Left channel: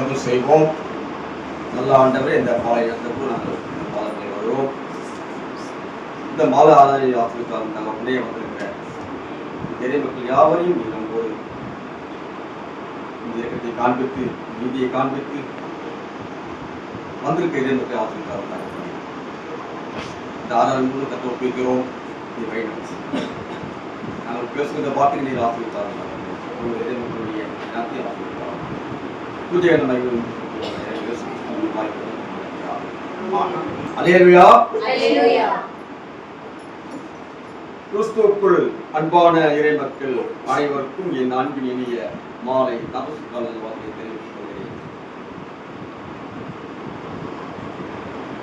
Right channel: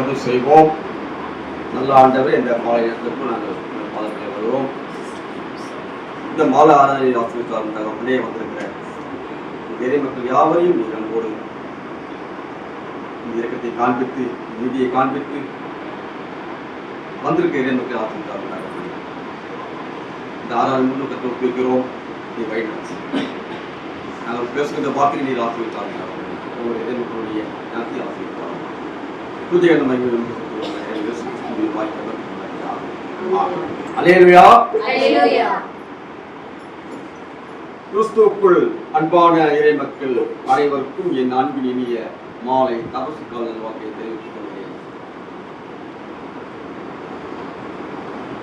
ஜெபம் செய்வோம். நல்ல ஆண்டவரே, இந்த மாலை நேரத்துக்கு நாங்கள் பாதங்களை வருவோம். இந்த மாலை ஆராதனை ஆசிரியர் தகவலே வந்திருக்கிற நிறைய மக்கள் யாவரையும் நீ நம்போடு இந்த இயக்கத்தை காண்பித்து, நீதியை காண்பித்து வந்திருக்க இறை மக்கள் ஆசிரியர் தகவலே இந்த ஆராதனை முழு கற்று ஒப்புக்கிறோம். நீ வழிநடத்தி நாங்கள் பேசுகின்ற வார்த்தை நீர் ஆசிரியர் இறை மக்களுடைய ஞானத்தை ஆசிரியர் பூஜை கிறிஸ்துவுக்குள் அன்பான இறை மக்கள் அனைவருக்கும் என் அன்பின் இனிய மாலை தபசு கால வார்த்தையை தெரிவித்துக் கொள்கிறேன்.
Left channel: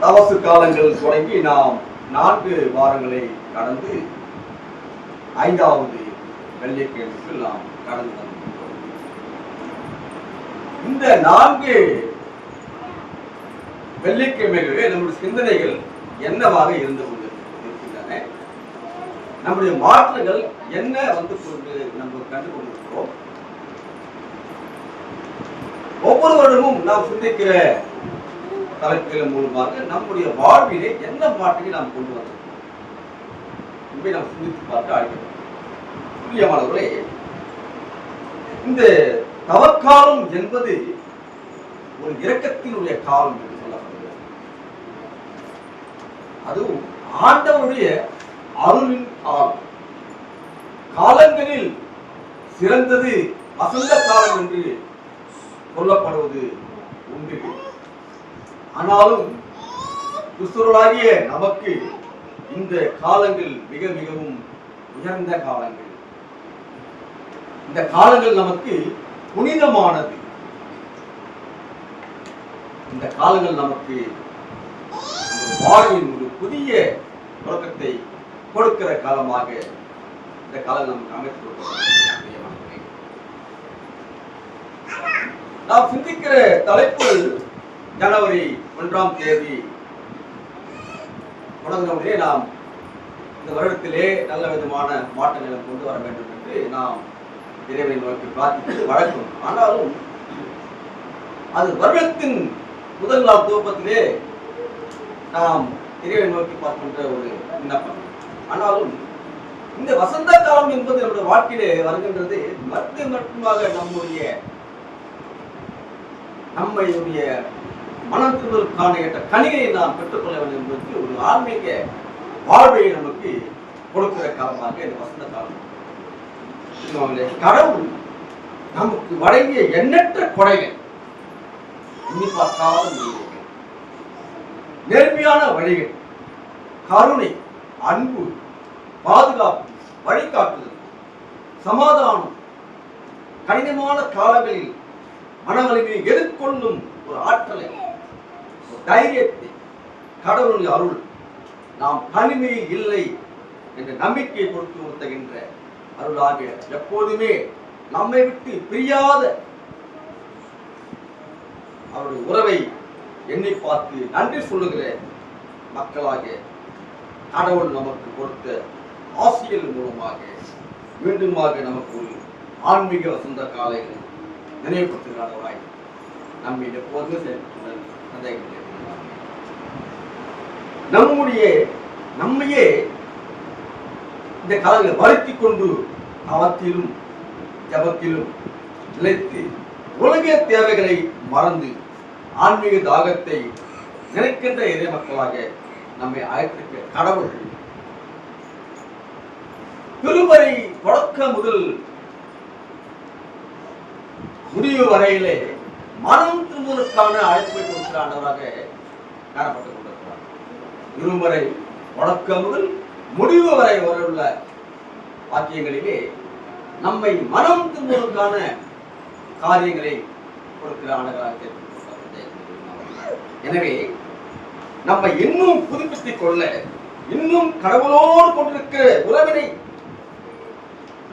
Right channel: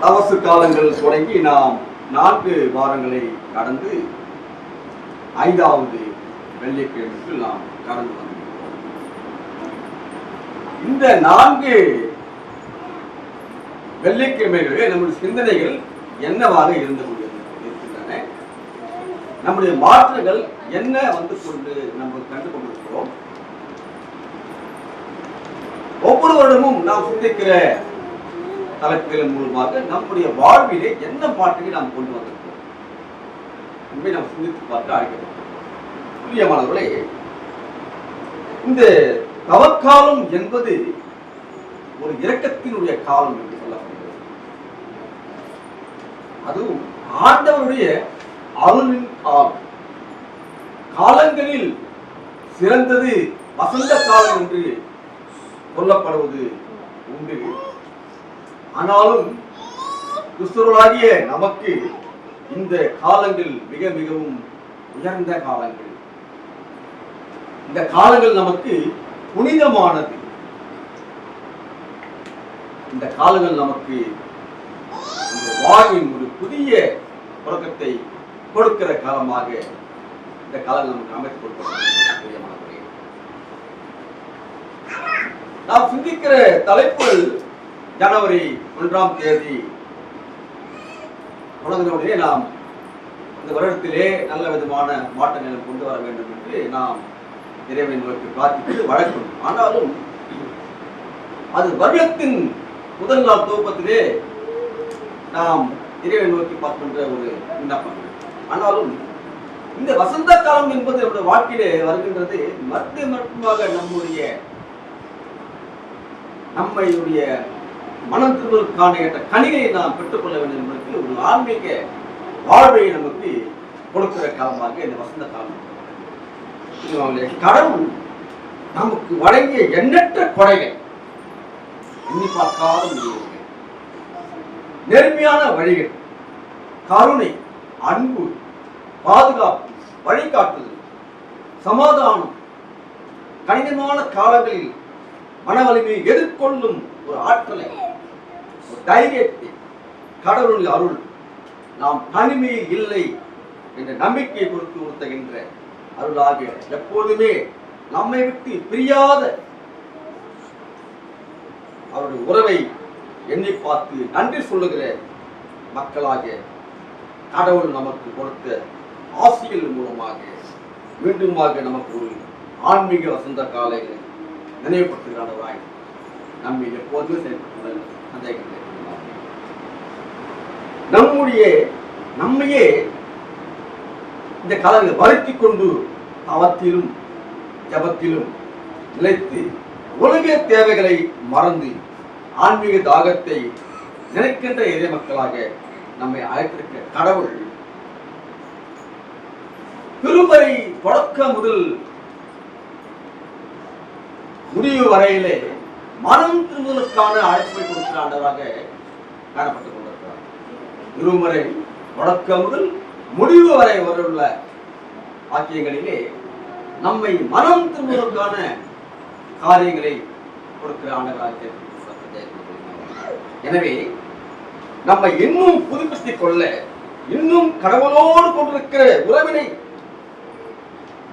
தபசு காலங்கள் தொடங்கி நாம் 4 வாரங்களை கடந்து 5வது வெள்ளிக்கிழமைக்கு நாம் கடந்து வந்தோம். இந்த 4 வெள்ளிக்கிழமைகளில் நம்முடைய சிந்தனைகள் என்னவாக இருக்கின்றன, நம்முடைய மாற்றங்கள் என்ன வந்து கொண்டு நம்ம கண்டு கொண்டிருக்கிறோம். ஒவ்வொரு வருடமும் நாம் சிந்திக்கிற தலைப்புகளின் மூலமாக நம்முடைய வாழ்விலே என்ன மாற்றங்களை நாம் கொண்டு வந்திருக்கிறோம் என்பதை நாம் சிந்தித்து பார்க்க அழைக்கப்பட்டோம். புரியமானவர்களே, இந்த தவக்காலம் என்பது ஒரு இரக்கத்தினுடைய காலம் என்று சொல்லப்படுகிறது. அதுவும் ஆண்டவருடைய அருளின் காலம். காலங்களில் சிறந்தது வசந்த காலம் என்று சொல்லப்படுவது உண்டு. ஆனாலும் கிறிஸ்தவர்களாகிய நமக்கு இந்த காலங்கள் மிக மிகவும் உயர்ந்த காலங்கள். இந்த காலங்கள் நமக்கு புனிதமானது. இந்த காலங்கள் நமக்கு வாழ்வின் ஒரு புதிய தொடக்கத்தை கொடுக்கிற காலமாக இந்த காலம் நமக்கு அமைத்து கொடுக்கிறது. நாம் சிந்திக்கிற தலைப்பு ஜனவரி 1ஆம் தேதி தொடங்கினவுடனே நாம் இந்த வருடத்திலே நல்ல விதமான மாற்றங்களை கொண்டு வர வேண்டும் என்று நாம் இறைவனை நோக்கி பிரார்த்தித்து வழக்கம். ஆனாலும் அது வருடத்தின் முதல் நாள் துவக்கத்திலே நாம் இறைவனை நோக்கி பார்க்கின்ற ஒரு விண்ணப்பம். ஆனாலும் இந்த வசந்த காலம் என்பது நம்முடைய வாழ்க்கையிலே வருகின்றது. மட்டுமாக நம்முடைய மனம் திரும்புவதற்கான கனிகளை நாம் பெற்றுக்கொள்ள வேண்டும் என்பதற்கு ஒரு ஆன்மீக வாழ்வை நமக்கு கொடுக்கிற காலமாக இந்த வசந்த காலம். கடவுள் நமக்கு வழங்கிய எண்ணற்ற கொடைகள், எண்ணி பார்க்காத முடிவுகள், நேர்மையான வழிகள், கருணை, அன்பு, பாதுகாப்பு, வழிகாட்டுதல், சமாதானம், கடினமான காலங்களில் மன வலிமையை எதிர்கொள்ளும் ஒரு ஆற்றலை, ஒரு தைரியத்தை, கடவுளின் அருள் நாம் தனிமையில் இல்லை என்ற நம்பிக்கையை கொடுத்து உறுத்துகின்ற அருளாக எப்போதுமே நம்மை விட்டு பிரியாத அவருடைய உறவை எண்ணி பார்த்து நன்றி சொல்லுகிற மக்களாக கடவுள் நமக்கு கொடுத்த ஆசிகள் மூலமாக மீண்டுமாக நமக்கு ஒரு ஆன்மீக வசந்த காலைகளை நினைவுபடுத்துகிறாரவாய் நம்மை எப்போதுமே செயல்பட்டுள்ள சந்தேகங்கள் நம்மையே இந்த காலங்களை வருத்தி கொண்டு அவத்திலும் ஜபத்திலும் நிலைத்து உலக தேவைகளை மறந்து ஆன்மீக தாகத்தை நினைக்கின்ற இறை மக்களாக நம்மை அழைத்திருக்க கடவுள் திருமறை தொடக்க முதல் முடிவு வரையிலே மனம் திரும்புவதற்கான அழைப்பை கொடுக்கிற ஆண்டவராக காணப்பட்டுக் கொண்டிருக்கிறார். திருமறை தொடக்க முதல் முடிவு வரை வரவுள்ள வாக்கியங்களிலே நம்மை மனம் திரும்புவதற்கான காரியங்களை கொடுக்கிற ஆண்டவராக. எனவே நம்மை இன்னும் புதுப்பித்துக் கொள்ள, இன்னும் கடவுளோடு கொண்டிருக்கிற உறவினை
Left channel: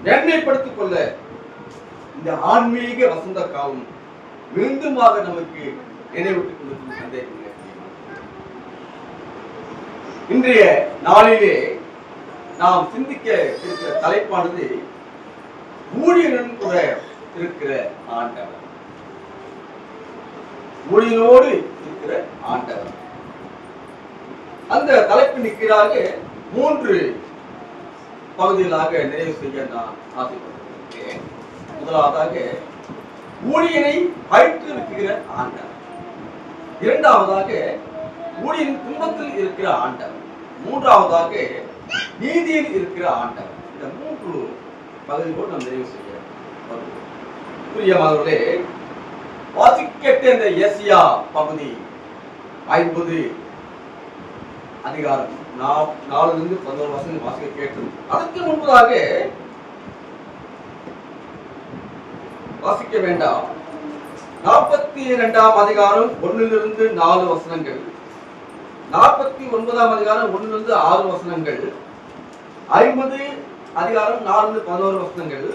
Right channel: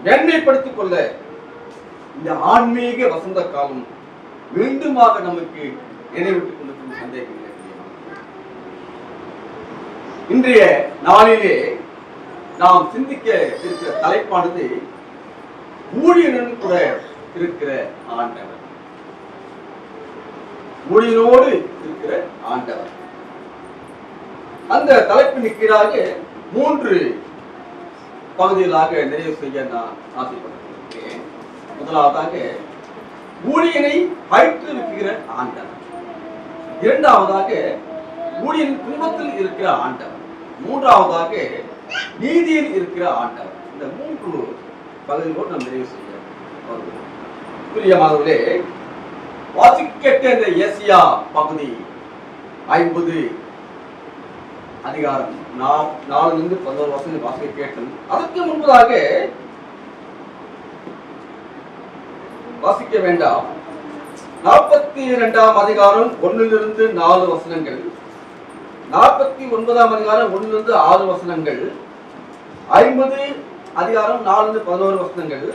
மேன்மைப்படுத்திக் கொள்ள இந்த ஆன்மீக வசந்த காலம் மீண்டுமாக நமக்கு நினைவிட்டுக் கொண்டிருக்கும் சந்தேகம். இன்றைய நாளிலே நாம் சிந்திக்க இருக்கிற தலைப்பானது ஊழியனுடன் கூட இருக்கிற ஆண்டவர். ஊழியனோடு இருக்கிற ஆண்டவர். அந்த தலைப்பின் கீழாக 3 பகுதிகளாக நிறைவு செய்ய நான் ஆசைப்பட்டிருக்கிறேன். முதலாவதாக ஊழியனை பயிற்றுவிக்கிற ஆண்டவர், இரண்டாவதாக ஊழியன் துன்பத்தில் இருக்கிற ஆண்டவர், மூன்றாவதாக நீதியில் இருக்கிற ஆண்டவர். இந்த 3 பகுதிகளோடு நாம் நிறைவு செய்ய பிரியமானவர்களே, வாசிக்கட்ட இந்த ஏசியா பகுதி 50 அதிகாரம் 4-11 வசனங்கள் வாசிக்க கேட்டோம். அதற்கு முன்பதாக வாசிக்க வேண்டாம். 42ஆம் அதிகாரம் 1-4 வசனங்கள், 49ஆம் அதிகாரம் 1-6 வசனங்கள், 50 அதிகாரம் 4-11 வசனங்கள்,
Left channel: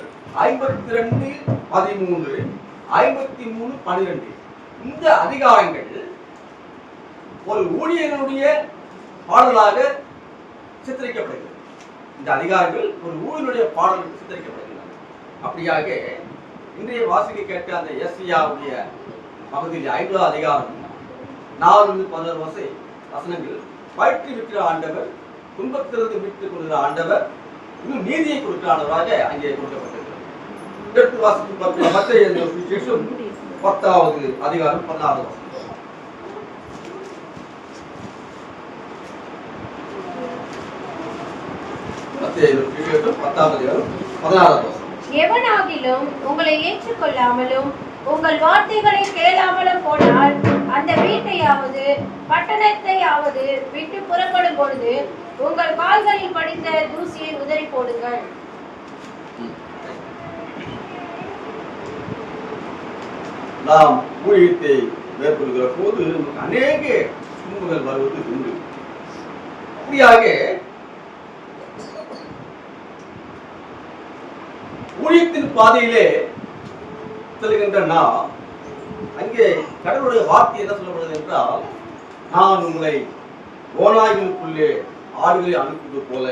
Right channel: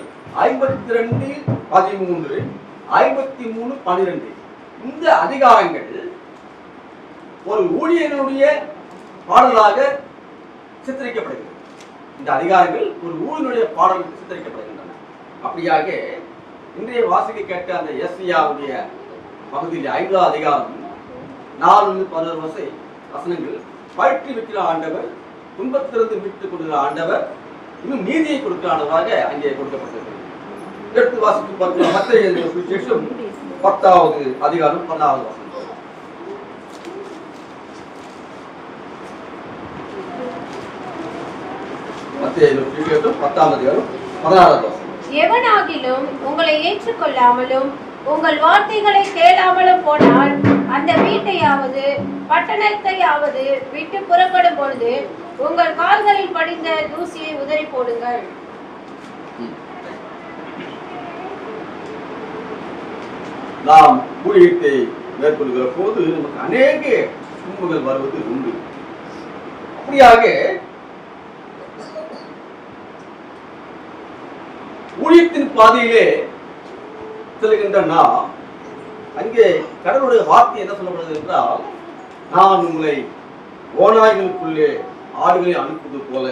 52-13, 53-12 இந்த அதிகாரங்கள் ஒரு ஊழியனுடைய பாடலாக சித்தரிக்கப்படுகிறது. இந்த அதிகாரங்கள் ஒரு ஊழியனுடைய பாடலுக்கு சித்தரிக்கப்படுகின்றன. அப்படியாக இன்றைய வாசிக்க கேட்ட அந்த எஸ்ஐயாவுடைய பகுதியில் 5ஆம் அதிகாரம் 4-11 வசனங்கள் பயிற்றுவிக்கிற ஆண்டவர், துன்பத்திலிருந்து மீட்டுக் கொள்கிற ஆண்டவர், இன்னும் நீதியை கொடுக்கிற ஆண்டவராக அங்கே கொடுக்கப்பட்டிருக்கிறது. எடுத்து வாசித்து பார்க்கிற மத்திய சுவிசேஷம் 10ஆவது அதிகாரம் 14வது வசனம். மத்திய சுவிசேஷம் 10ஆம் அதிகாரம் 16வது வசனம். எவனாகிலும் உங்களை ஏற்றுக்கொள்ளாமலும் உங்கள் வார்த்தைகளை கேளாமலும் போனால் அந்த வீட்டையாவது பட்டணத்தையாவது விட்டு புறப்படும் பொழுது உங்கள் கால்களில் படிந்த தூசியை உதறி போடுங்கள். நாம் ஊழியத்தை மேற்கொள்கிற போது நமக்கு அநேக துன்பங்கள் வருவது உண்டு. அப்படியாக ஊழியத்தின் பாதையிலே செல்கின்ற நாம் அங்கே கடவுளுடைய வார்த்தை என்ன சொல்லப்படுகிறது என்றால், நான் உங்களை ஓநாய்களுக்குள்ளே ஆடுகளை அனுப்புவது போல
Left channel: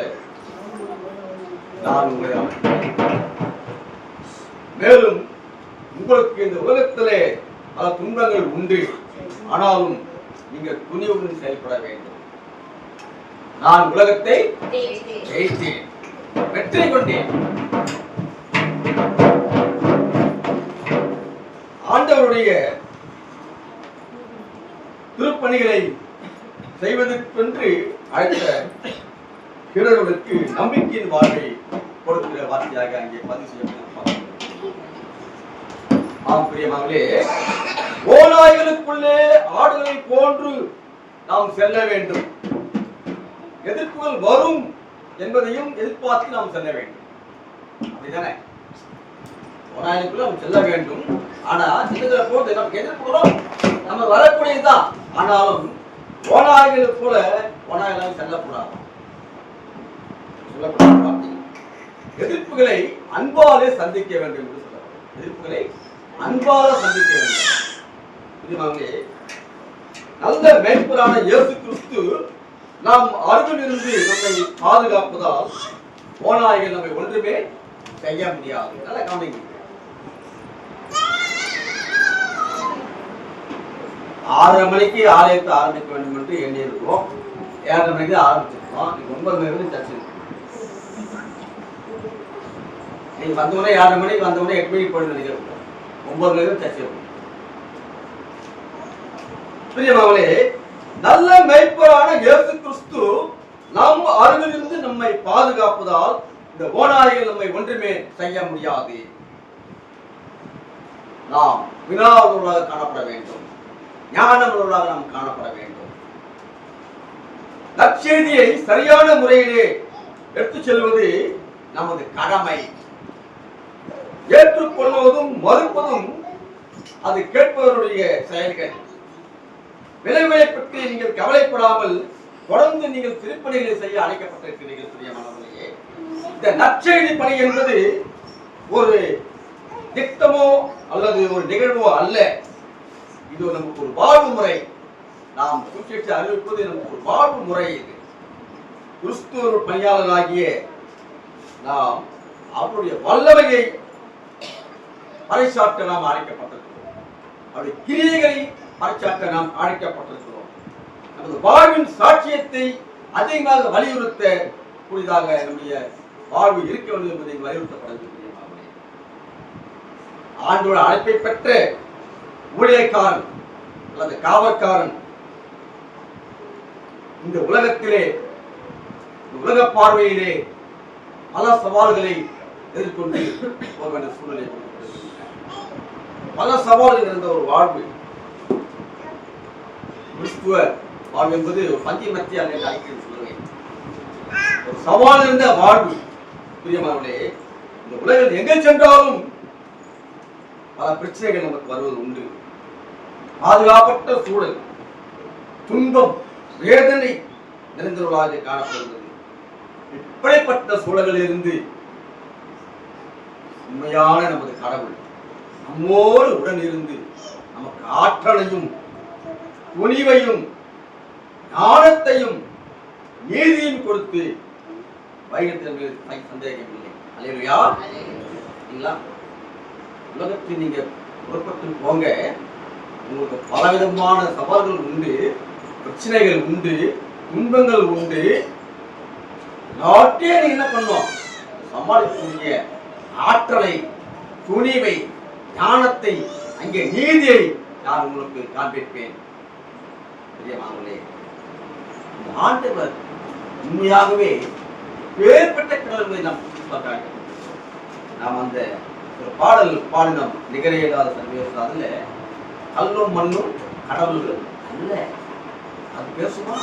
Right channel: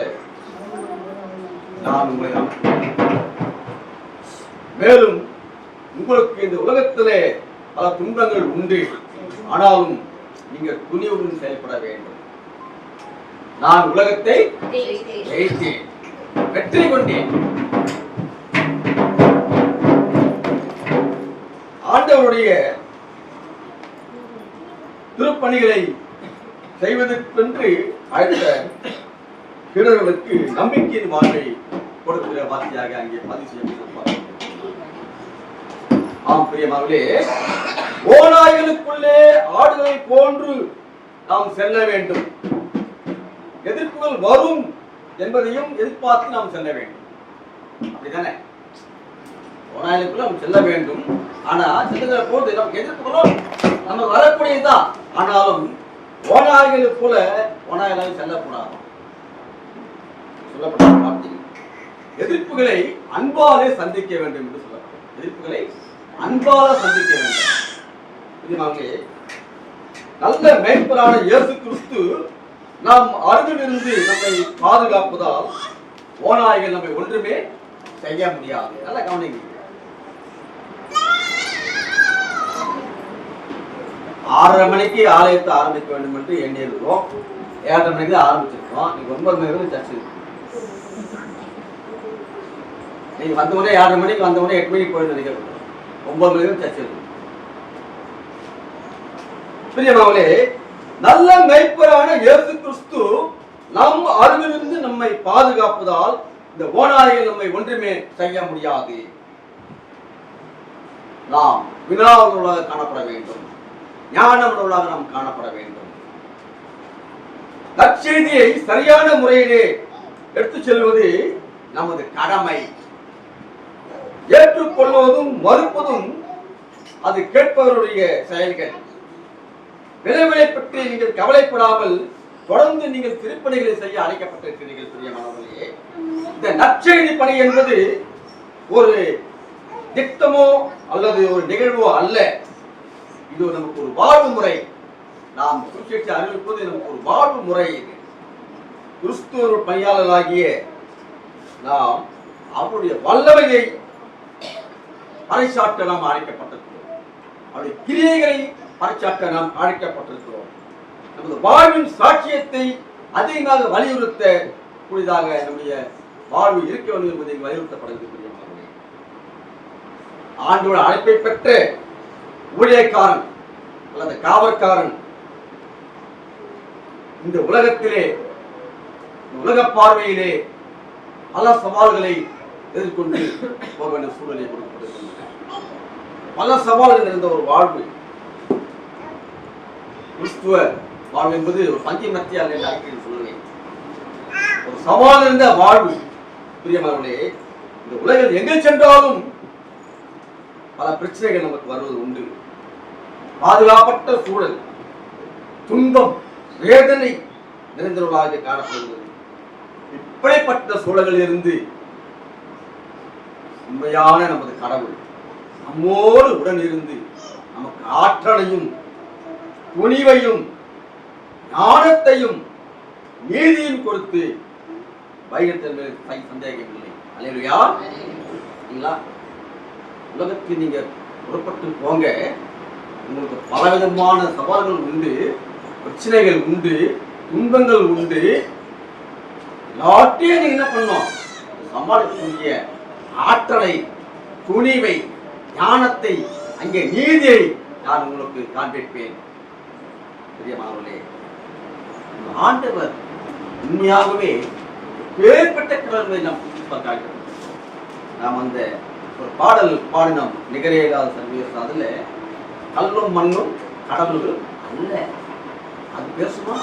நான் உங்களை அனுப்புகிறேன். மேலும் உங்களுக்கு இந்த உலகத்திலே பல துன்பங்கள் உண்டு, ஆனாலும் நீங்கள் துணிவுடன் செயல்பட வேண்டும். நான் உலகத்தை ஜெயித்தேன், வெற்றி கொண்டேன். ஆண்டவருடைய திருப்பணிகளை செய்வதற்கென்று அழைத்த வீரர்களுக்கு நம்பிக்கையின் வாழ்வை கொடுக்கிற வார்த்தையாக அங்கே பதிவு செய்யப்பட்ட. ஆம் பிரியமானவர்களே, ஓநாய்களுக்குள்ளே ஆடுகளை போன்று நாம் செல்ல வேண்டும். எதிர்ப்புகள் வரும் என்பதையும் எதிர்பார்த்து நாம் செல்ல வேண்டும். அப்படிதானே? ஓநாய்களுக்குள்ள நாம் செல்ல வேண்டும். ஆனா செல்லுகிற போது நமக்கு எதிர்ப்புகளும் நம்ம வரக்கூடியதுதான். ஆனாலும் ஓநாய்கள் போல ஓநாய்களாக செல்லக்கூடாது. எதிர்ப்புகளை அன்பாலே சந்திக்க வேண்டும் என்று சொல்லப்படும். எதிர்ப்புகளை அன்பால சந்திக்க வேண்டும். நல்ல மேய்ப்பரான இயேசு கிறிஸ்து நாம் அருகிலிருந்து நம்மை பாதுகாப்பதால் ஓநாய்கள் நம்மை ஒன்றுமே செய்ய முடியாது. நல்ல கவனிங்க. 6:30 மணிக்கு ஆலயத்தை ஆரம்பிக்க வேண்டும் என்று எண்ணியிருக்கிறோம். 7:30 மணிக்கு தான் ஆரம்பிச்சிருக்கோம். 9 மணி வரை சர்ச்சை. நீங்க வந்தவுடனே 7:30 மணிக்கு வந்தவுடனே 8 மணிக்கு போய் நினைக்கிறோம். 9 மணி வரை சர்ச்சை இருக்கும். பிரியமானவர்களே, நல்ல மேய்ப்பரான இயேசு கிறிஸ்து நம் அருகிலிருந்து நம்மை பாதுகாப்பதால் இந்த ஓநாய்கள் நம்மை ஒன்றுமே செய்ய முடியாது. நாம் வினாவுள்ளவர்களாக காணப்பட வேண்டும். ஞானமுள்ளவர்களாக நாம் காணப்பட வேண்டும். நற்செய்தியை சரியான முறையிலே எடுத்துச் செல்வது நமது கடமை. ஏற்றுக்கொள்வதும் மறுப்பதும் அது கேட்பவருடைய செயல்கள். விளைவுகளை பற்றி நீங்கள் கவலைப்படாமல் தொடர்ந்து நீங்கள் திருப்பணிகளை செய்ய அழைக்கப்பட்டிருக்கிறீர்கள். பிரியமானவர்களே, இந்த நற்செய்தி பணி என்பது ஒரு திட்டமோ அல்லது ஒரு நிகழ்வோ அல்ல. இது நமக்கு ஒரு வாழ்வு முறை. நாம் சுவிசேஷத்தை அறிவிப்பது நமக்கு ஒரு வாழ்வு முறை. இது கிறிஸ்துவ பணியாளராகிய நாம் அவருடைய வல்லமையை பறைசாற்ற நாம் அழைக்கப்பட்டிருக்கிறோம். அவருடைய கிரியைகளை பறைசாற்ற நாம் அழைக்கப்பட்டிருக்கிறோம். நமது வாழ்வின் சாட்சியத்தை அதிகமாக வலியுறுத்த கூடியதாக நம்முடைய வாழ்வு இருக்க வேண்டும் என்பதை வலியுறுத்தப்படக்கூடிய ஆண்டோட அழைப்பை பெற்ற ஊழியக்காரன் அல்லது காவற்காரன் இந்த உலகத்திலே உலக பார்வையிலே பல சவால்களை எதிர்கொண்டு போக வேண்டிய சூழ்நிலை பல சவால்கள் இருந்த ஒரு வாழ்வு. கிறிஸ்துவ வாழ்வு என்பது ஒரு பஞ்சு மத்தியால் சொல்லுவேன். ஒரு சவால் இருந்த வாழ்வு. பிரியமானவர்களே, இந்த உலகில் எங்கே சென்றாலும் பல பிரச்சனைகள் நமக்கு வருவது உண்டு. பாதுகாப்பற்ற சூழல், துன்பம், வேதனை நிறைந்தவர்களாக காணப்படுகிறது. இப்படிப்பட்ட சூழலில் இருந்து உண்மையான நமது கடவுள் நம்மோடு உடன் இருந்து நமக்கு ஆற்றலையும் துணிவையும் ஞானத்தையும் நீதியும் கொடுத்து வைகத்தின் மேல் சந்தேகம் இல்லை. அல்லேலூயா. உலகத்தில் நீங்க புறப்பட்டு போங்க, உங்களுக்கு பலவிதமான சவால்கள் உண்டு, பிரச்சனைகள் உண்டு, துன்பங்கள் உண்டு. எல்லாத்தையும் நீங்க என்ன பண்ணணும்? சமாளிக்கக்கூடிய ஆற்றலை, துணிவை, ஞானத்தை, அங்கே நீதியை நான் உங்களுக்கு காண்பிப்பேன். பிரியமானவர்களே, ஆண்டவர் உண்மையாகவே வேறுபட்ட கடவுளை நாம் பார்க்க. நாம் அந்த ஒரு பாடல் பாடினோம், நிகரே இல்லாத சர்வீஸ். அதுல கல்லும் மண்ணும் கடவுள்கள் அல்ல. அது பேசுமா?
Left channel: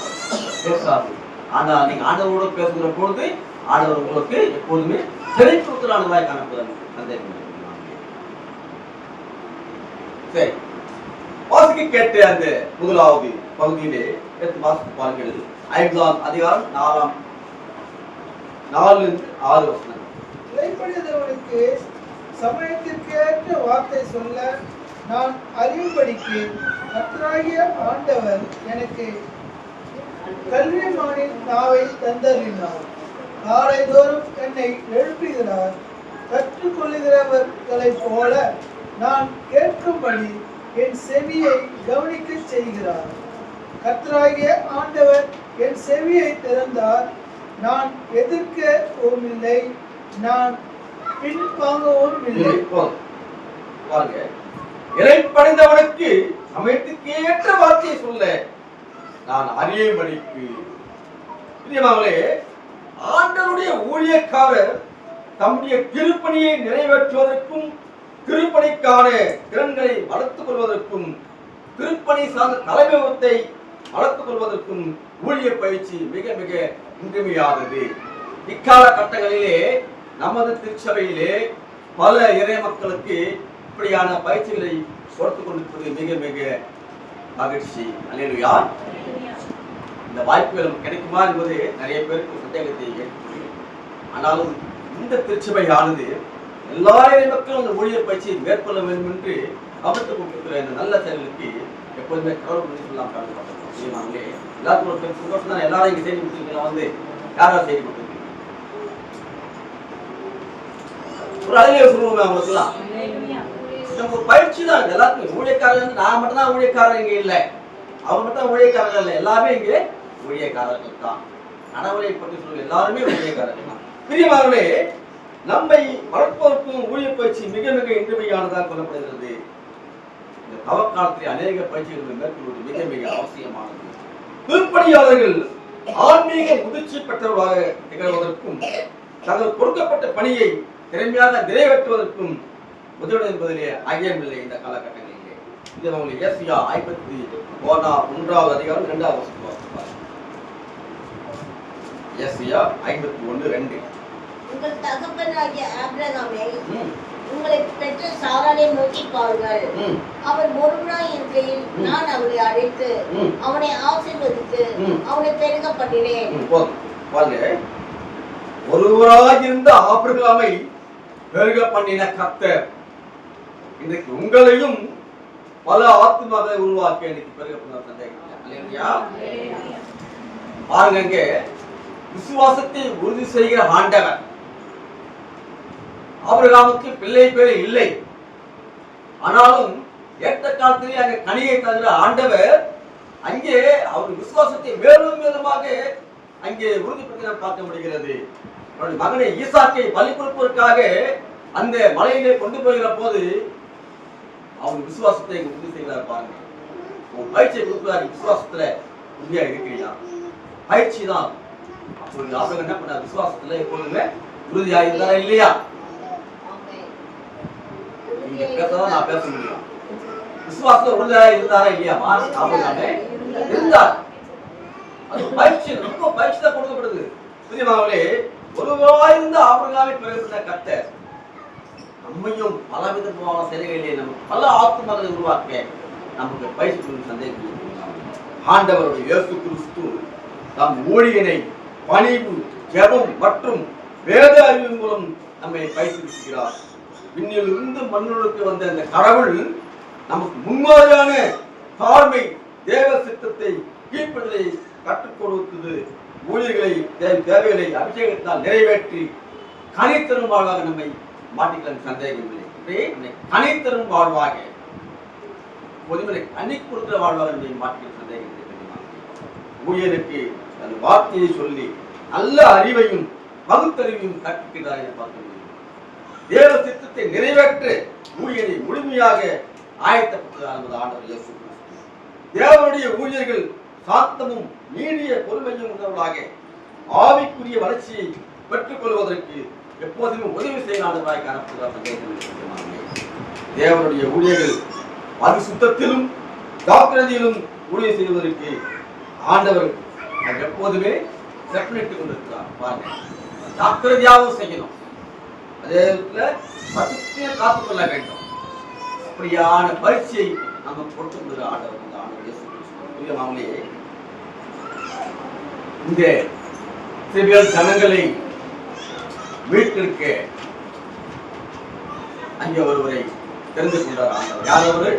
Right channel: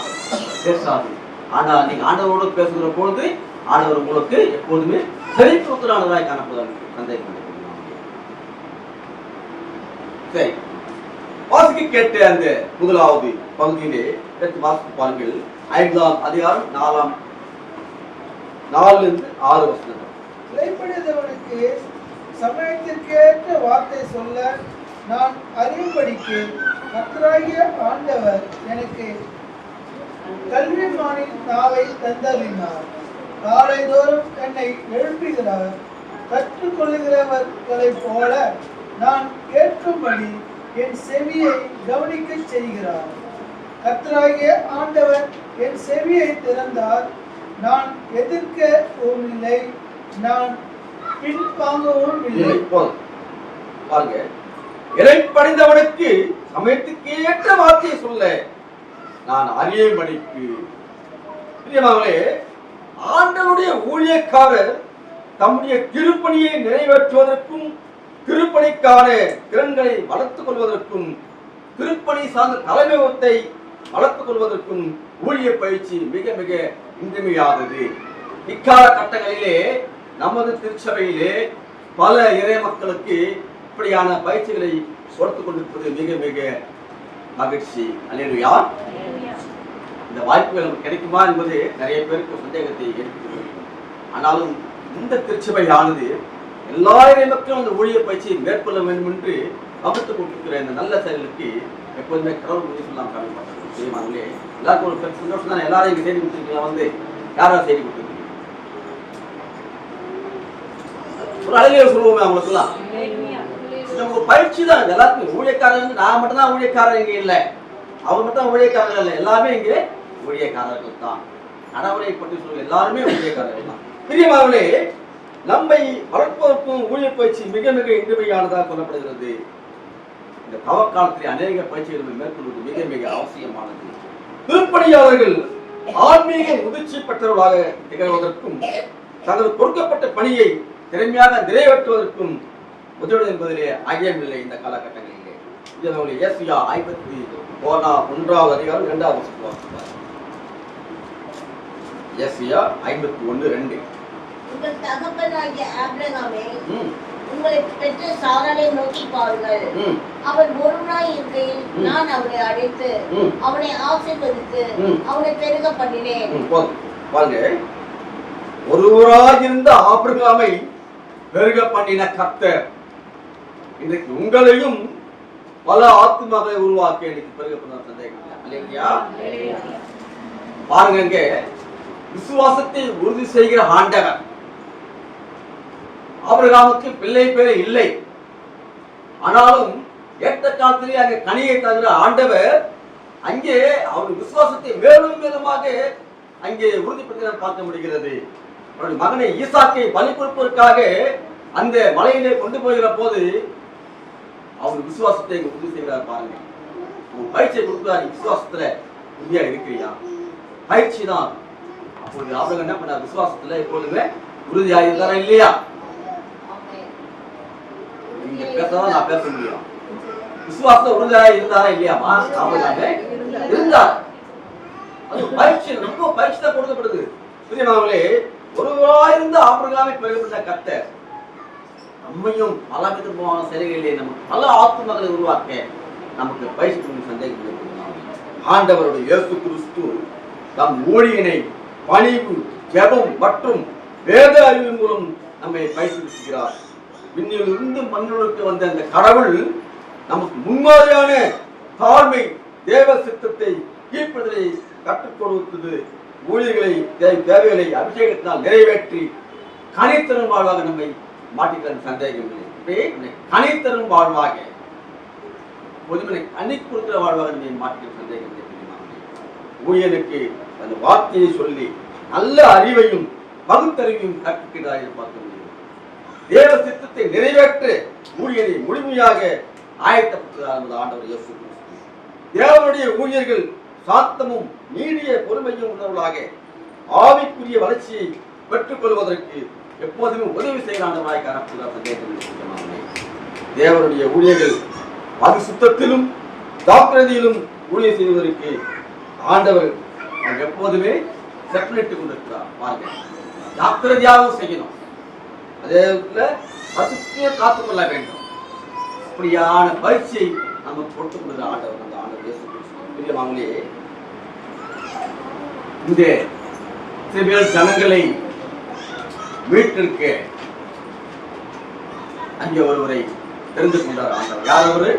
பேசாது. ஆனால் நீங்க ஆண்டவரோடு பேசுகிற பொழுது ஆண்டவர் உங்களுக்கு எப்போதுமே செழிப்புறானவராய் காணப்படுவாங்க. சந்தேகம். சரி, வாசிக்க கேட்ட அந்த முதலாவது பகுதியிலே வாசிப்பு பாருங்கள். 5ஆம் அதிகாரம் 4-6 வசனங்கள். இறைப்படைத்தவனுக்கு சமயத்திற்கேற்ற வார்த்தை சொல்ல நான் அறியும்படிக்கு கர்த்தராகிய ஆண்டவர் எனக்கு கல்விமானின் நாவை தந்தளினார். காலைதோறும் என்னை எழுப்புகிறார். கற்றுக்கொள்ளுகிறவர்களைப் போல நான் கேட்கும்படி என் செவியை கவனிக்க செய்கிறார். கர்த்தராகிய ஆண்டவர் என் செவியை திறந்தார். நான் எதிர்க்கவும் இல்லை, நான் பின்வாங்கவும் இல்லை. பாருங்க, இறைப்படைந்தவனுக்கு சமயத்துக்கேற்ற வார்த்தையை சொல்ல நான் அறியும்படிக்கு. பிரியமானவர்களே, ஆண்டவருடைய ஊழியக்காரர் தம்முடைய திருப்பணியை நிறைவேற்றுவதற்கும் திருப்பணிக்கான திறன்களை வளர்த்துக் கொள்வதற்கும் திருப்பணி சார்ந்த தலைமைத்துவத்தை வளர்த்துக் கொள்வதற்கும் ஊழிய பயிற்சி மிக மிக இன்றியமையாதது. இக்கால கட்டங்களிலே நமது திருச்சபையிலே பல இறை மக்களுக்கு இப்படியான பயிற்சிகளை கொடுத்துக் கொண்டிருப்பது மிக மிக மகிழ்ச்சி. அல்லேலூயா. இந்த வாய்ப்புகள் நமக்கு கிடைக்குமா என்பது நிறைய பேருக்கு சந்தேகத்தை ஏற்படுத்தும். ஆனாலும் இந்த திருச்சபையானது எல்லா இறை மக்களும் அந்த ஊழிய பயிற்சியை மேற்கொள்ள வேண்டும் என்று கவனித்துக் கொண்டிருக்கிற இந்த நல்ல செயலுக்கு எப்போதுமே கடவுள் உதவி சொல்லாம் காணப்பட்டாங்க. எல்லாருக்கும் ஒரு பெரிய சந்தோஷம் தான். எல்லாரும் இங்கே செய்தி கொடுத்துருக்கீங்க. வந்து யாராவது செய்தி கொடுத்துருக்கீங்க? ஒரு அழகிய சொல்லுவோமே அவங்களுக்குலாம். ஒரு பயிற்சி தான் எல்லாத்துக்கும். ஊழியக்காரர்கள் நான் மட்டும் தான் ஊழியக்காரர் இங்கே இல்லை, அவர் மட்டும் ஊழியக்காரர்கள் இல்லை, எல்லாமே இங்கே ஊழியக்காரர்கள் தான். கடவுளை பற்றி சொல்ல எல்லாருமே ஊழியக்காரர்கள் தான். பிரியமானவர்களே, நம்மை வளர்ப்பதற்கும் ஊழிய பயிற்சி மிக மிக இன்றியமையானதாக சொல்லப்படுகிறது. இந்த தவக்காலத்தில் அநேக பயிற்சிகளை மேற்கொள்வது மிக மிக அவசியமானது. திருப்பணியாளர்கள் ஆன்மீக முதிர்ச்சி பெற்றவர்களாக திகழ்வதற்கும் தங்கள் கொடுக்கப்பட்ட பணியை திறமையாக நிறைவேற்றுவதற்கும் உதவி என்பதிலே ஐயமில்லை. இந்த காலகட்டங்களிலே இது ஏசியா 51 அதிகாரம் 2வது வசனம். ஏசியா 51:2. உங்கள் தகப்பனாகிய ஆபிரகாமை உங்களை பெற்ற சாராளை நோக்கி பாருங்கள். அவர் ஒருவனாய் இருக்கையில் நான் அவரை அழைத்து அவனை ஆசீர்வதித்து அவனை பெருக பண்ணினேன். பாருங்க, ஒருவராயிருந்த ஆபிரகாமை பெருக பண்ணின கர்த்தர் இன்றைக்கு உங்களையும் பல ஆத்மாவை உருவாக்க இன்னைக்கு பெருக பண்ண சந்தேகம் இல்லையா? பாருங்க, விசுவாசத்தை உறுதி செய்கிற ஆண்டவர். ஆபிரகாமுக்கு பிள்ளை பேர் இல்லை, ஆனாலும் ஏற்ற காலத்திலே அங்கே கனியை தவிர ஆண்டவர் அங்கே அவர் விசுவாசத்தை மேலும் மேலுமாக அங்கே உறுதிப்படுத்தி நாம் பார்க்க முடிகிறது. அவருடைய மகனை ஈசாக்கை பலி கொடுப்பதற்காக அந்த மலையிலே கொண்டு போகிற போது அவர் விசுவாசத்தை உறுதி செய்கிறார். பாருங்க, உன் பயிற்சியை கொடுக்கிறார், விசுவாசத்துல உறுதியா இருக்கிறியா? பயிற்சி தான். அப்பொழுது ஆபிரகாம் என்ன பண்ணார்? விசுவாசத்துல எப்பொழுதுமே உறுதியா இருந்தாரா இல்லையா? நீங்க பேசதான் நான் பேச முடியும். விசுவாசத்துல உறுதியா இருந்தாரா இல்லையாமா? ஆபிரகாம் இருந்தார். அது பயிற்சி, ரொம்ப பயிற்சி தான் கொடுக்கப்படுது. புரியமாங்களே, ஒருவாயிருந்த ஆபிரகாமை பெயர்பட்ட கர்த்தர் நம்மையும் பல விதமான செயல்களிலே நமக்கு பல ஆத்துமகளை உருவாக்க நமக்கு பயிற்சி சந்தேகம். ஆண்டவருடைய இயேசு கிறிஸ்து தம் ஊழியனை பணிவு, ஜெபம் மற்றும் வேத அறிவு மூலம் நம்மை பயிற்றுவிக்கிறார். விண்ணில் இருந்து மண்ணுக்கு வந்த அந்த கடவுள் நமக்கு முன்மாதிரியான தாழ்மை, தேவ சித்தத்தை, கீழ்ப்பதை கற்றுக் கொடுத்தது. ஊழியர்களை, தேவைகளை அபிஷேகத்தினால் நிறைவேற்றி கனித்தரும் வாழ்வாக நம்மை மாட்டிக்கிற சந்தேகம் இல்லை. கனித்தரும் வாழ்வாக, பொதுமனை கனி கொடுக்கிற வாழ்வாக நம்மை மாட்டிக்கிற சந்தேகம் இல்லை. ஊழியனுக்கு அந்த வார்த்தையை சொல்லி நல்ல அறிவையும் பகுத்தறிவையும் கற்பிக்கிறார் பார்க்க முடியும். தேவ சித்தத்தை நிறைவேற்ற ஊழியனை முழுமையாக ஆயத்தப்படுத்துகிறார் ஆண்டவர் இயேசு கிறிஸ்து. தேவனுடைய ஊழியர்கள் சாந்தமும் நீடிய பொறுமையும் உள்ளவர்களாக ஆவிக்குரிய வளர்ச்சியை பெற்றுக் கொள்வதற்கு எப்போதுமே உதவி செய்யலாண்டவராய் காணப்படுகிறார். தேவனுடைய ஊழியர்கள் பரிசுத்தத்திலும் டாக்டரிலும் ஊழியர் செய்வதற்கு ஆண்டவர் எப்போதுமே செப்பனிட்டுக் கொண்டிருக்கிறார். பாருங்க, டாக்டரியாகவும் செய்யணும், அதே பரிசுத்தையே காத்துக்கொள்ள வேண்டும். அப்படியான பயிற்சியை நம்ம கொடுத்து கொண்டது ஆண்டவர். அந்த ஆண்டவர் இயேசு கிறிஸ்து அவங்களே இந்த இஸ்ரவேல் ஜனங்களை மீட்டிருக்க அங்கே ஒருவரை தெரிந்து கொண்டார் ஆண்டவர். யார் அவரு?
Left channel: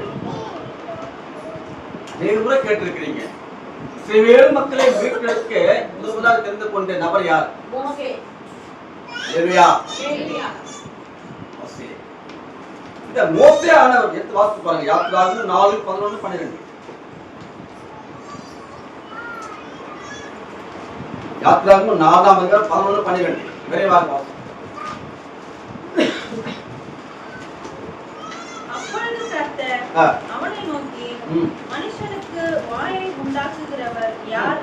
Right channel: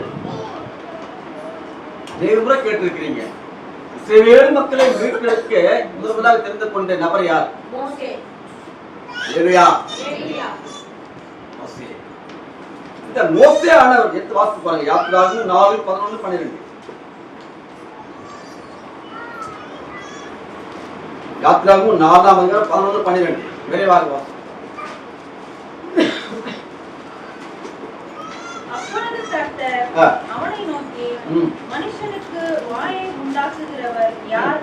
முறை கேட்டிருக்கிறீங்க. இஸ்ரவேல் மக்களை மீட்டெடுக்க முதலாக தெரிந்து கொண்ட நபர் யார்? இந்த மோசே ஆனவர் எடுத்து வாசித்து பாருங்க. யாத்திராகமம் 4:11-12. யாத்திராகமம் 4:11-12 விரைவாக வாசி. அப்பொழுது கர்த்தர் அவனை நோக்கி, மனுஷனுக்கு வாயை உண்டாக்குகிறவர் யார்?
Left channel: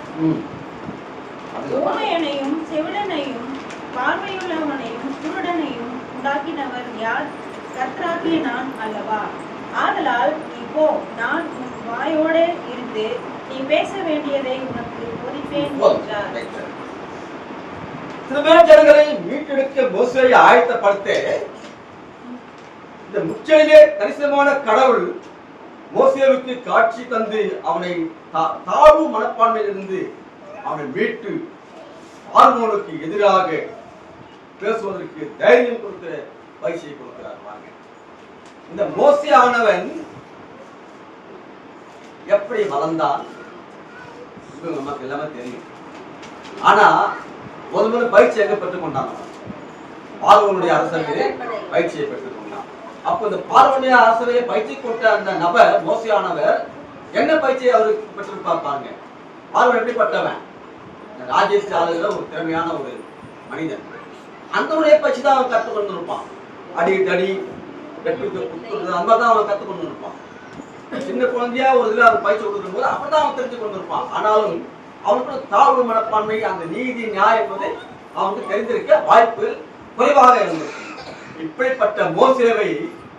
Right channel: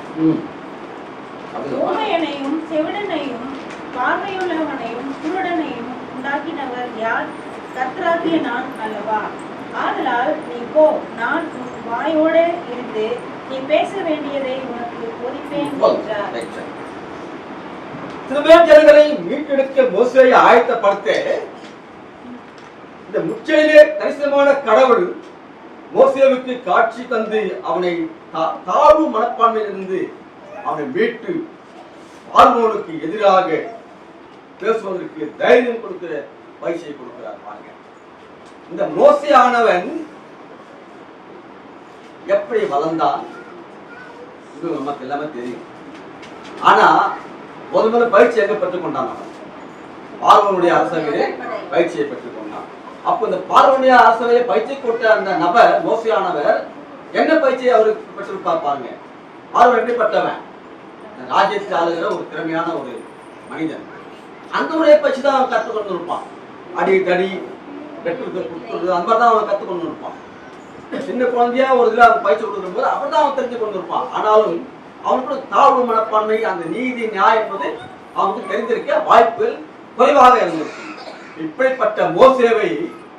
ஊமையனையும் செவிடனையும் பார்வையுள்ளவனையும் குருடனையும் உண்டாக்கினவர் யார்? கர்த்தராகிய நான் அல்லவா? ஆதலால் நீ போ, நான் உன் வாயோட இருந்து நீ பேச வேண்டியதை உனக்கு போதிப்பேன் என்றார். இஸ்ரவேல் ஜனங்களை மீட்டெடுக்க மோசேயை ஆயத்தப்படுத்த இந்த முச்சையிலே தரிசனமான கடவுள் மோசேவுக்கு காட்சி தந்து அவனை தாழ்வு மனப்பான்மையிலிருந்து அவனை மீட்டு பார்வோனுக்கு எதிராக பேசுவதற்கு தைரியம் கொடுக்கிற பயிற்சியை கொடுக்கிறார். பாருங்க, இந்த மோசே ஆனவன் எப்படி வளர்ந்தான் நமக்கு எல்லாமே தெரியும். ஆனா முதல்ல பயிற்சி எங்க பெற்றுக் கொண்டான்? பார்வனுடைய அரசவையிலே பயிற்சியை பெற்றுக் கொண்டான். அப்ப இந்த பார்வனுடைய அரசவையை பயிற்சி கொடுத்த அந்த நபர் மோசையானவர் என்ன பயிற்சியை அவருக்கு பெற்றிருப்பார்? பாருங்க, பார்வன் எப்படிப்பட்டவன்? ராஜ்யத்தை ஆளுகிற ஒரு திறமையான ஒரு மனிதன். அந்த ஒரு பயிற்சி தான் அவன் கற்றுக்கொண்டு இருப்பான். அடி தடி வெட்டு அந்த மாதிரி தான் அவனை கற்றுக்கொண்டு இருப்பான். சின்ன குழந்தையா ஒரு இதில் அவன் பயிற்சி கொடுக்கும் போது அப்படிதான் அவன் தெரிஞ்சு கொண்டு இருப்பான். ஆனாலும் அவனுக்கு தாழ்வு மனப்பான்மை, அந்த நீதி நியாயம் என்பதை அவனுக்கு தெரிந்திருக்க வாய்ப்பு குறைவாக இருந்திருக்கும். இப்படிப்பட்ட மோசேவை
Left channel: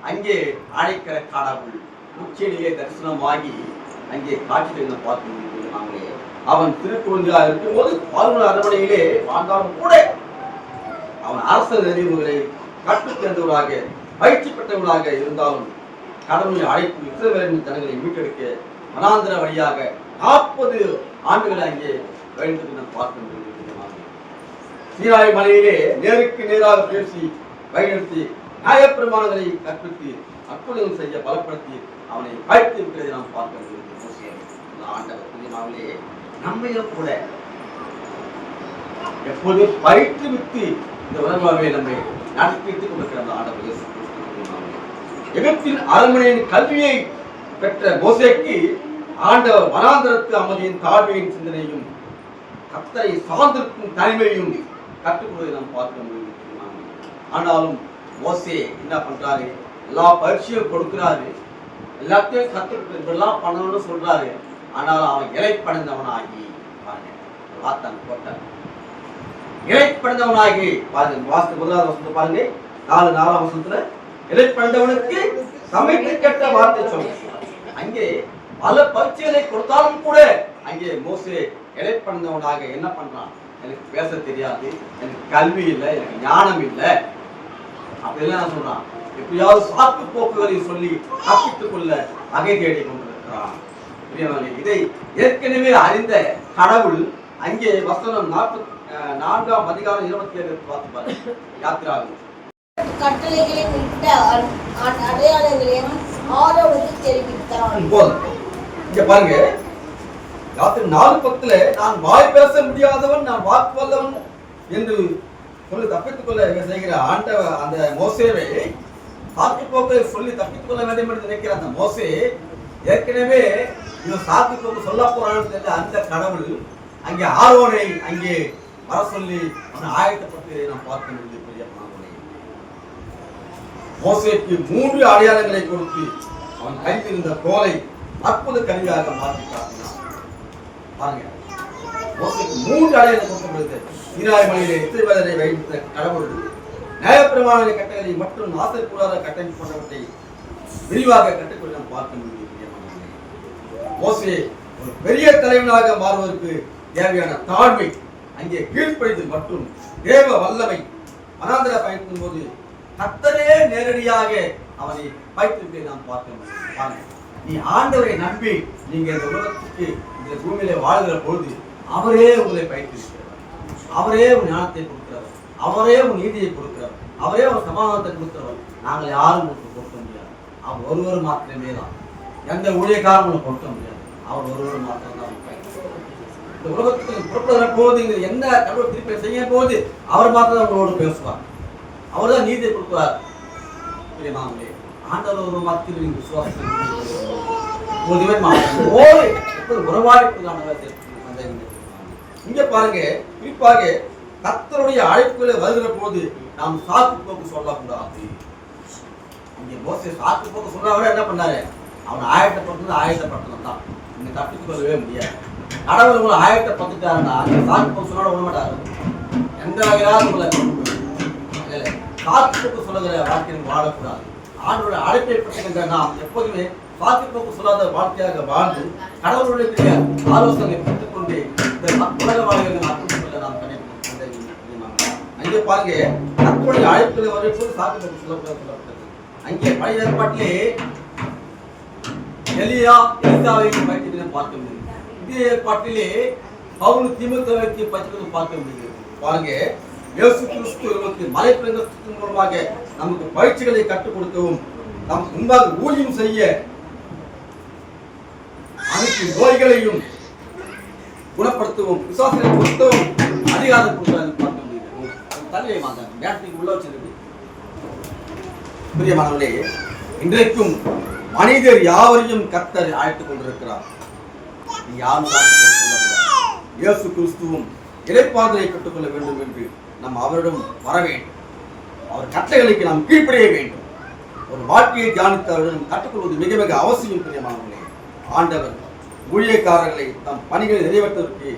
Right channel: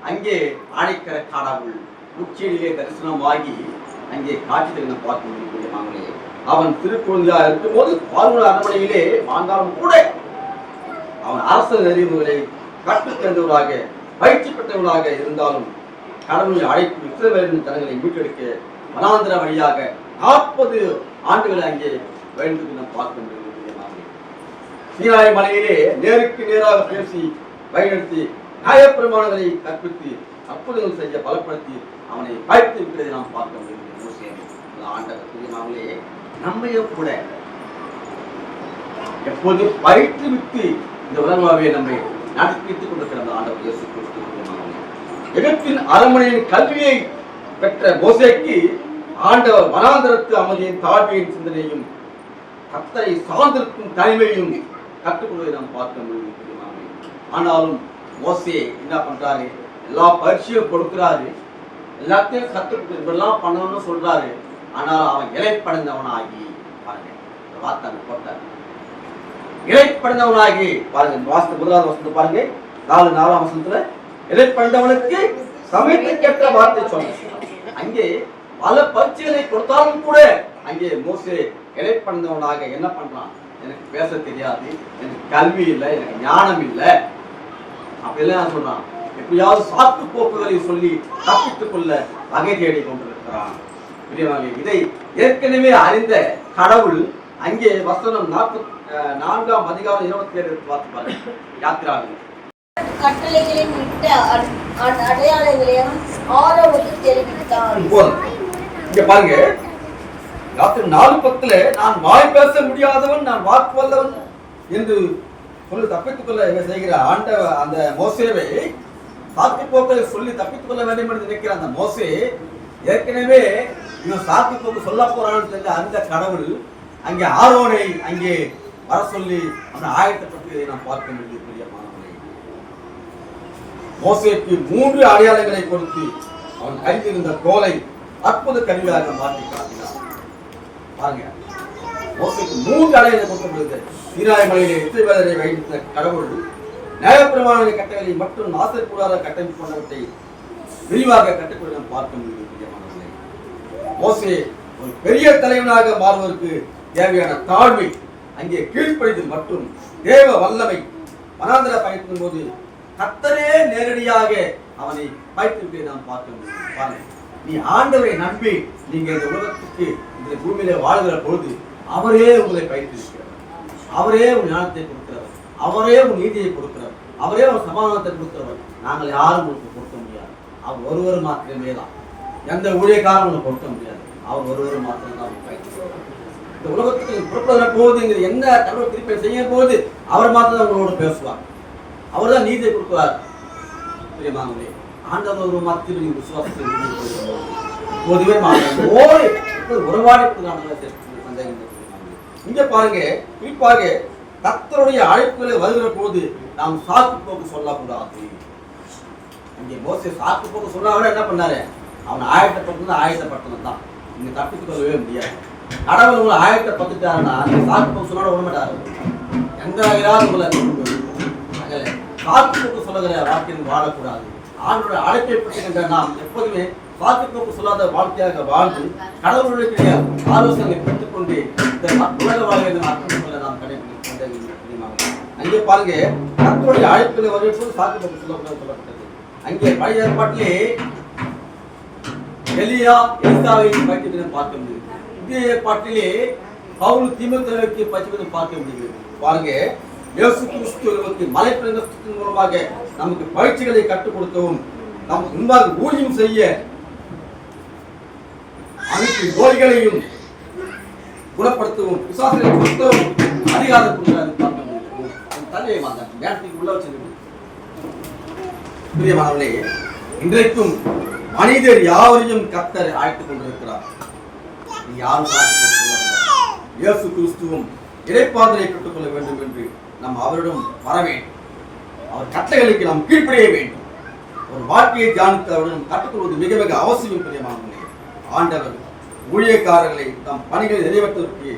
அங்கே அழைக்கிற கடவுள் உச்சியிலே தரிசனமாகி அங்கே காட்சிகளை பார்க்க முடியும். அவன் திருக்குழந்தையா இருக்கும் போது பார்வன் அரண்மனையிலே வாழ்ந்தாலும் கூட அவன் அரசு நெறிமுறைகளை கற்றுத் தேர்ந்தவர்களாக பயிற்சி பெற்றவர்களாக இருந்தாலும் கடவுளை அழைப்பு இஸ்ரவேலின் ஜனங்களை மீட்டெடுக்க வனாந்திர வழியாக 40 ஆண்டுகளை அங்கே வேண்டும் பார்க்கின்றது. சீனாய் மலையிலே நேருக்கு நேராக பேசி வழிநடத்தி நியாயப்பிரமாணங்களை கற்பித்து அற்புதங்கள் செய்ய பலப்படுத்தி அவனை பயிற்சி இருக்கிறதை நாம் பார்க்க முடியும். ஆண்டவர் நம்மையும் கூட எப்போதும் பயிற்றுவித்து இந்த உலகமாகவே நம்மை நடத்தித்துக் கொண்டிருக்கிற ஆண்டவர் இயேசு கிறிஸ்து எகிப்தின் அரண்மனையின் கல்வியை பெற்ற மோசேக்கு ஆண்டவர் வனாந்தரத்து அமைதியின் தாழ்மையின் சிந்தனையும் கர்த்தரை சார்ந்திருக்கும் தனிமையும் கற்றுக்கொள்வதை நாம் பார்க்க முடியும். ஆனாலும் மோசே என்ன பண்றாரு? எல்லா பயிற்சியும் கொடுக்கிறாரு, எல்லாத்தையும் கற்றுக் இப்படிலாம் பண்ணணும்னு சொல்றாரு. ஆனாலும் அவன் இலைப்படைந்தவனாகி பாருங்க, வார்த்தை போட்டார். இலைப்படைந்தவனாகி பாருங்க, வாசத்து முதலாவது வசனத்தை பாருங்க, 4 வசனத்துல இலைப்படைந்தவனுக்கு சமயத்துக்கேற்ற வார்த்தை சொன்ன. அங்கே பல பயிற்சிகளை கொடுத்தாலும் கூட அங்கே மோசே இலைப்படைந்தவனாக என்ன பண்றான்? எனக்கு பேச தெரியாது, எனக்கு கல்வி இல்லை, எனக்கு ஞானம் இல்லை அப்படிலாம் சொல்றான். எப்படியாவது சாக்கு போக்குகளை சொல்லி தப்பித்துக் கொள்ள வகை தேடி கொண்டிருக்கிறான். இதை ஏற்கனவே அறிந்த கடவுள் அங்கே வசனம் 4ஆம் அதிகாரம் 27 பார்த்து பாருங்க. யாத்திராகும் கட்டளைகளின் விட்ட அடையாளங்களையும் ஆரோனுக்கு தெரிவித்தான். இங்க பாருங்க, யாத்திரை 4:10 நான் வாய் பேச முடியாதவன், நான் வாக்கு வல்லவன் என்று சொல்லி தப்பித்துக் கொள்ள செய்கிற ஆண்டவர் அந்த மோசேவை சாக்கு போக்களை சொல்லி தப்பித்துக் கொள்ள வேண்டும் என்று நினைக்கிற அந்த மோசே ஏற்கனவே இவன் சாக்கு போக்கு சொல்ல போறான்னு தெரிஞ்ச அந்த கடவுள் அங்கே ஆரோனை அங்கே வர சொல்லி அவனை ஆயத்தப்பட்டு நாம் பார்க்க முடியுது. பெரிய மாணவனை மோசேக்கு 3 அடையாளங்களை கொடுத்து அவன் கைத்திருந்த கோலை அற்புத கருவியாக மாற்றி காட்டினான். பாருங்க, மோசேக்கு 3 அடையாளங்களை கொடுக்கப்படுது. சீனாய் மலையிலே இஸ்ரவேலரை வைத்த கடவுள் நியாயப்பிரமாண கட்டளை மற்றும் ஆசர் கூடாத கட்டமைப்பு போன்றவற்றை விரிவாக கட்டுக்கொள்ள நாம் பார்க்க முடியும். மோசே ஒரு பெரிய தலைவனாக மாறுவதற்கு தேவையான தாழ்மை, அங்கே கீழ்ப்படிதல் மற்றும் தேவ வல்லமை வனாந்தர பயணிக்கும் போது கர்த்தரே நேரடியாக அவனை பயிற்றுவிப்பதை நாம் பார்க்க முடியும். நீ ஆண்டவரை நம்பி நீங்க இந்த உலகத்துக்கு இந்த பூமியில வாழ்கிற பொழுது அவரே உங்களை பயிற்றுவிக்கிறவர், அவரே உன் ஞானத்தை கொடுக்கிறவர், அவரே உன் நீதியை கொடுக்கிறவர், அவரே ஒரு சமாதானத்தை கொடுக்கிறவர். நாங்கள் யாரும் உங்களுக்கு கொடுக்க முடியாது, அவர் ஒருவர் மாத்திரமே தான். எந்த ஊழியக்காரும் உங்களுக்கு கொடுக்க முடியாது, அவர் ஒருவர் மாத்திரம் தான் பயிற்றுவிக்கிறவர். இந்த உலகத்துக்கு புறப்படுகிற போது என்ன கடவுள் திருப்பி செய்ய போது அவர் மாத்திரம் உங்களோடு பேசுவார், அவர் தான் நீதியை கொடுக்கிறார். பிரியமானவர்களே, ஆண்டவர் ஒரு மாத்திரம் நீங்கள் விசுவாசத்தை போதுவே மாத்திரம் உறவாடி சந்தேகம். இங்க பாருங்க, குறிப்பாக கர்த்தருடைய அழைப்புகளை வருகிற போது நாம் சாக்கு போக்கு சொல்லக்கூடாது. இங்க மோசே சாக்கு போக்கு சொல்றவரை என்ன பண்ணாரு? அவன் ஆயத்தப்படுத்தணும் தான். நீங்க தப்பித்துக் கொள்ளவே முடியாது. கடவுள் உங்களை ஆயத்தப்பட்டுட்டாருன்னா நீங்க சாக்கு போக்கு சொன்னாலும் விட மாட்டாரு. எந்த வகையாவது உங்களை சாக்கு போக்கு சொல்லுகிற வாழ்க்கையில் வாழக்கூடாது. ஆண்டோட அழைப்பை பற்றுகின்ற நாம் எப்போதுமே சாக்கு போக்கு சொல்லாத வாழ்க்கையாக வாழ்ந்து கடவுளுடைய ஆலோசனை பெற்றுக்கொண்டு உலக வாழ்க்கையில் அர்த்தம் கொள்ள நாம் கடைபிடிக்க. அங்கே பாருங்க, கர்த்தருடைய அழைப்புகளை வரும்போது சாக்கு போக்கு சொல்லக்கூடாது சொல்லப்பட்டது. அங்கே பழைய ஏற்பாட்டிலே எலியா எலிசாவை பயிற்சி பார்க்க முடியும். புதிய ஏற்பாட்டிலே பவுல் தீமோத்தேயுவை பயிற்சி பார்க்க முடிகிறது. பாருங்க, இயேசு கிறிஸ்து நமக்கு மலைப்பிரசங்கத்தின் மூலமாக நமக்கு பயிற்சிகளை கற்றுக் கொடுக்கவும் நமக்கு முன்பாக ஊழியம் செய்ய அனைத்து நோய்களையும் குணப்படுத்தவும் விசுவாசத்தை கொடுக்கவும் அதிகாரம் கொடுக்கிறார் பார்க்க முடியும். தலையை மாட்டாங்க நேரத்துக்கு உள்ள வச்சிருக்கு. பிரியமானவர்களே, இன்றைக்கும் மனிதர் யாவரையும் கர்த்தர் அழைத்துக் கொண்டிருக்கிறார். யாரும் இயேசு கிறிஸ்துவும் இறைப்பாதலை கற்றுக்கொள்ள வேண்டும் என்று நாம் அவரிடம் வர வேண்டும். அவர் கட்டளைகளுக்கு நாம் கீழ்ப்படிய வேண்டும். ஒரு வாழ்க்கையை தியானித்து அவரிடம் கற்றுக்கொள்வது மிக மிக அவசியம். பிரியமானவர்களே, ஆண்டவர் ஊழியக்காரர்களை தம் பணிகளை நிறைவேற்றுவதற்கு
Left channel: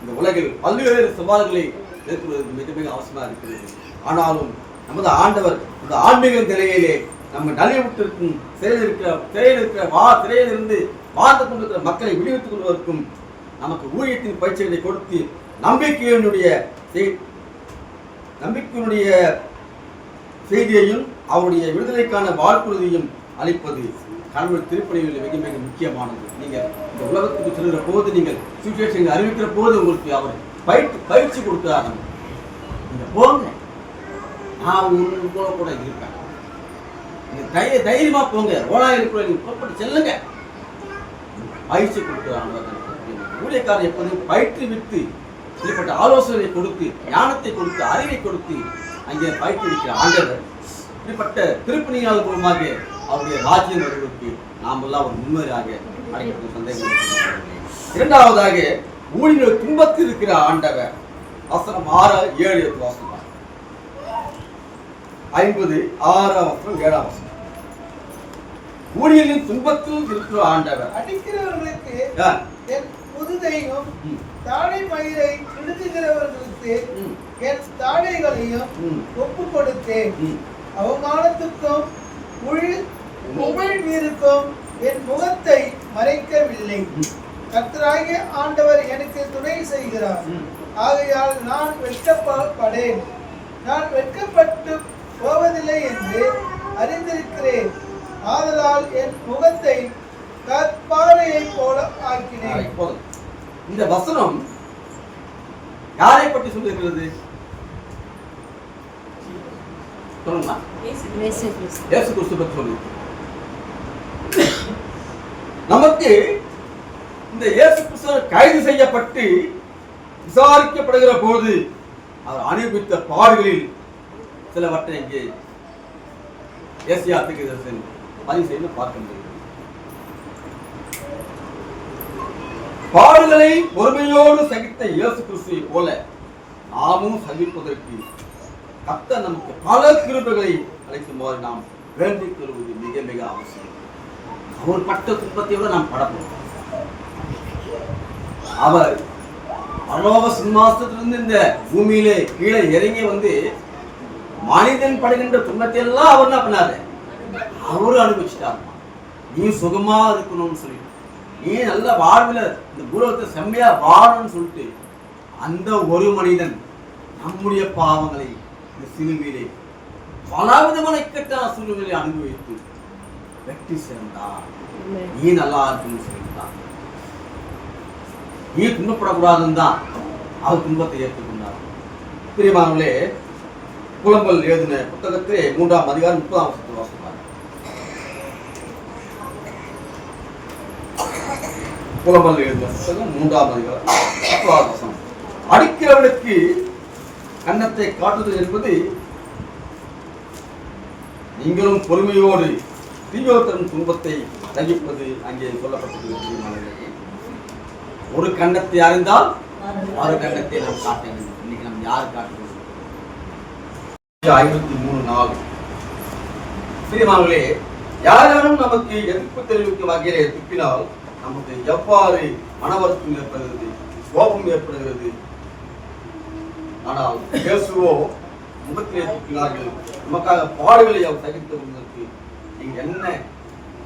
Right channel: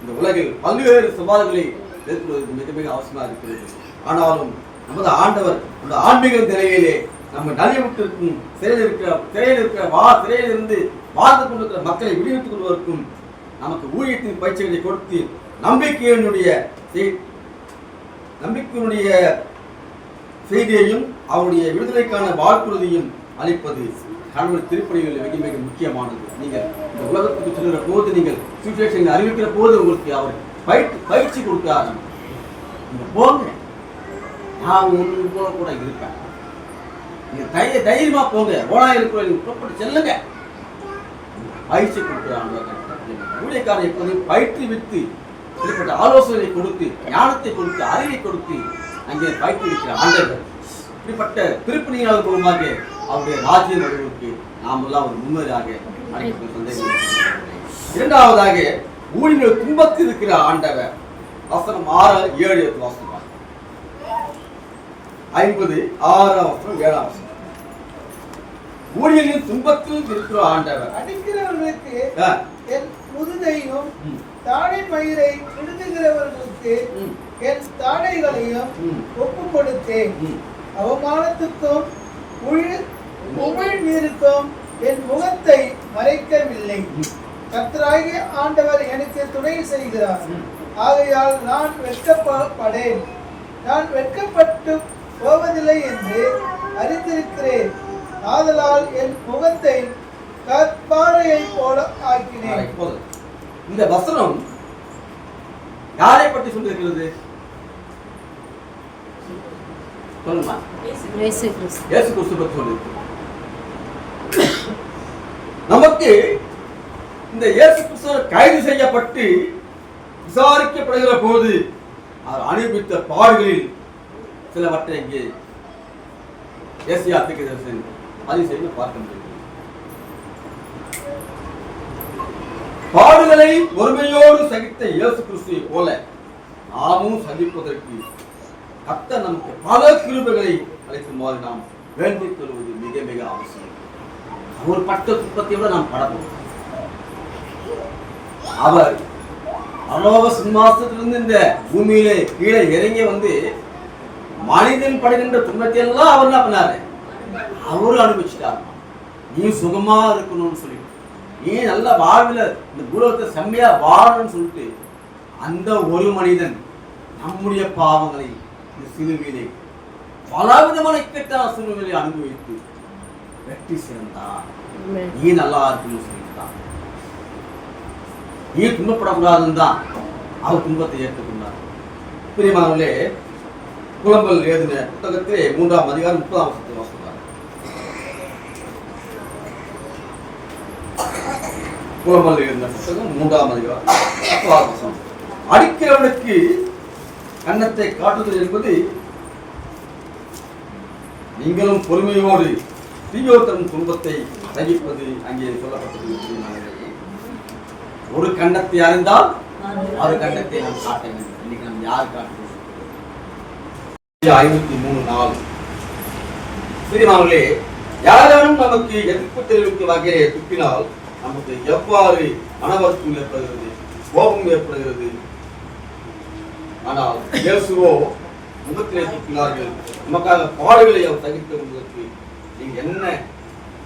இந்த உலகில் பல்வேறு சவால்களை எதிர்கொள்வதற்கு மிக மிக அவசியமாக இருக்கிறது. ஆனாலும் நமது ஆண்டவர் இந்த ஆன்மீக நிலையிலே நம்ம நலிவுற்றிருக்கும் சிறையிலிருந்து வாழ்ந்து கொண்டிருக்கிற மக்களை விடுவித்துக் கொள்வதற்கும் நமக்கு ஊழியத்தின் பயிற்சிகளை கொடுத்து நம்பிக்கையினுடைய செய்தியையும் அவருடைய விடுதலைக்கான வாழ்க்குறுதியும் அளிப்பது கடவுள் திருப்பணிகளில் மிக மிக முக்கியமானது. நீங்கள் இந்த உலகத்துக்கு சொல்லுகிற போது, நீங்கள் சுச்சுவேஷன் அறிவிக்கிற போது உங்களுக்கு அவர் பயிற்சி கொடுக்கிறார். நீங்க போங்க, நான் உங்க கூட இருப்பேன், நீங்க தைரியமா போங்க, ஓடாயிருக்கிற நீங்க புறப்பட்டு செல்லுங்க, பயிற்சி கொடுக்கிறாங்க. ஊழியக்காரர் எப்போதும் பயிற்றுவித்து இப்படிப்பட்ட ஆலோசனை கொடுத்து ஞானத்தை கொடுத்து அறிவை கொடுத்து அங்கே பயிற்றுவிக்கிற ஆண்டவர் இப்படிப்பட்ட திருப்பணியாளர் மூலமாக அவருடைய ராஜ்யம் வருவதற்கு நாம் எல்லாம் ஒரு முன்னராக அழைப்பது சந்தேகம். இரண்டாவதாக ஊழியர்கள் துன்பத்தில் இருக்கிற ஆண்டவர் வசனம் 6, 7 வாசனம் 50, 6 7 வசனம். ஊழியர்களின் துன்பத்தில் இருக்கிற ஆண்டவர் அடிக்கிறவர்களுக்கு என் முதுகையும் தாடை மயிரை விடுதுகிறவர்களுக்கு என் தாடைகளையும் ஒப்பு கொடுத்தேன். அவமானத்துக்கும் உமிழ்நீருக்கும் என் முகத்தை மறைக்கவில்லை. கர்த்தராகிய ஆண்டவர் எனக்கு துணை செய்கிறார். ஆகையால் நான் வெட்கப்படேன். நான் வெட்கப்பட்டு போவதில்லை என்று அறிந்திருக்கிறேன். ஆதலால் என் முகத்தை கற்பாறையை போல ஆக்கினேன். இந்த வசனம் யாரை பற்றி சொல்லியிருக்கிறது? சொல்லுமா? இயேசு கிறிஸ்து பற்றி சொல்லியிருக்கிறது. நமக்கு இந்த இயேசு கிறிஸ்து கைது செய்யப்பட்டு விசாரிக்கப்படுகிற போது அவர் அனுபவித்த பாடுகளில் சிலவற்றை இங்கே ஏசியா தீர்க்கதரிசன் பதிவு செய்து பார்க்க முடியும். பாடுகளை பொறுமையோடு சகித்த இயேசு கிறிஸ்துவை போல நாமும் சகிப்பதற்கு கர்த்தர் நமக்கு பல கிருபைகளை அளிக்குமாறு நாம் வேண்டிக் கொள்வது மிக மிக அவசியம். அவர் பட்ட துன்பத்தை விட நாம் படணும். அவர் பரலோக சிம்மாசனத்திலிருந்து இந்த பூமியிலே கீழே இறங்கி வந்து மனிதன் படுகின்ற துன்பத்தை எல்லாம் அவர் என்ன பண்ணாரு? அவரு அனுபவிச்சுட்டார். நீ சுகமா இருக்கணும்னு சொல்லி, நீ நல்ல வாழ்வில் இந்த பூலோகத்தை செம்மையா வாழணும்னு சொல்லிட்டு அந்த ஒரு மனிதன் நம்முடைய பாவங்களை இந்த சிலுவையிலே பலவிதமான இக்கட்டான சூழ்நிலை அனுபவித்து வெற்றி சிறந்தார். நீ நல்லா இருக்கணும்னு சொல்லிட்டான். நீ துன்பப்படக்கூடாதுன்னு தான் அவர் துன்பத்தை ஏற்றுக்கொண்டார். பிரியமானவர்களே, புலம்பல் எழுதின புத்தகத்திலே 3ஆம் அதிகாரம் 30ஆம் வசனத்தில் வாசிப்பார். புலம்பல் எழுதின புத்தகம் 3ஆம் அதிகாரம் 30ஆம் வசனம். அடிக்கிறவனுக்கு கன்னத்தை காட்டுதல் என்பது நீங்களும் பொறுமையோடு தீயோத்தரும் துன்பத்தை சகிப்பது அங்கே சொல்லப்பட்டிருக்கிறது. ஒரு கண்டத்தை அறிந்தால் ஆறு கண்டத்தை நாம் காட்ட வேண்டும். இன்னைக்கு நம்ம யார் காட்டுவோம்? 53:4. பிரியமானவர்களே, யாரும் நமக்கு எதிர்ப்பு தெரிவிக்கும் வகையிலே துப்பினால் நமக்கு எவ்வாறு மனவருத்தம் ஏற்படுகிறது, கோபம் ஏற்படுகிறது. ஆனால் இயேசுவோ முகத்திலே துப்பினார்கள். நமக்காக பாடுகளை அவர் சகித்து கொண்டதற்கு நீங்க என்ன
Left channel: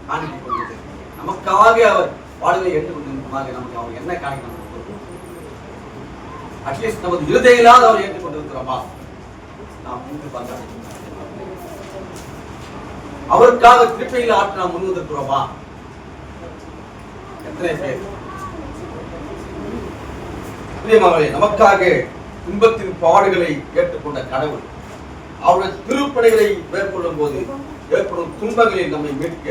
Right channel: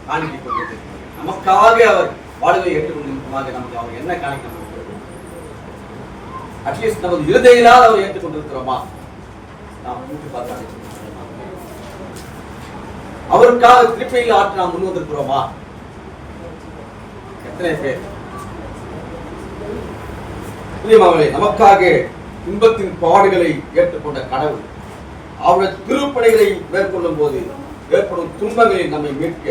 காணிக்கை கொண்டது? நமக்காக அவர் பாடுகளை ஏற்றுக்கொண்டிருப்பதாக நமக்கு அவர் என்ன காணிக்கை கொடுக்கிறது? அட்லீஸ்ட் நமது இருதயிலால் அவர் ஏற்றுக்கொண்டிருக்கிறோமா? நாம் கூட்டி பார்த்து அவருக்காக திருப்பையில் ஆற்றி நாம் முன் வந்திருக்கிறோமா? எத்தனை பேர்? பிரியமானவர்களே, நமக்காக துன்பத்தின் பாடுகளை ஏற்றுக்கொண்ட கடவுள் அவருடைய திருப்பணிகளை மேற்கொள்ளும் போது ஏற்படும் துன்பங்களை நம்மை மீட்க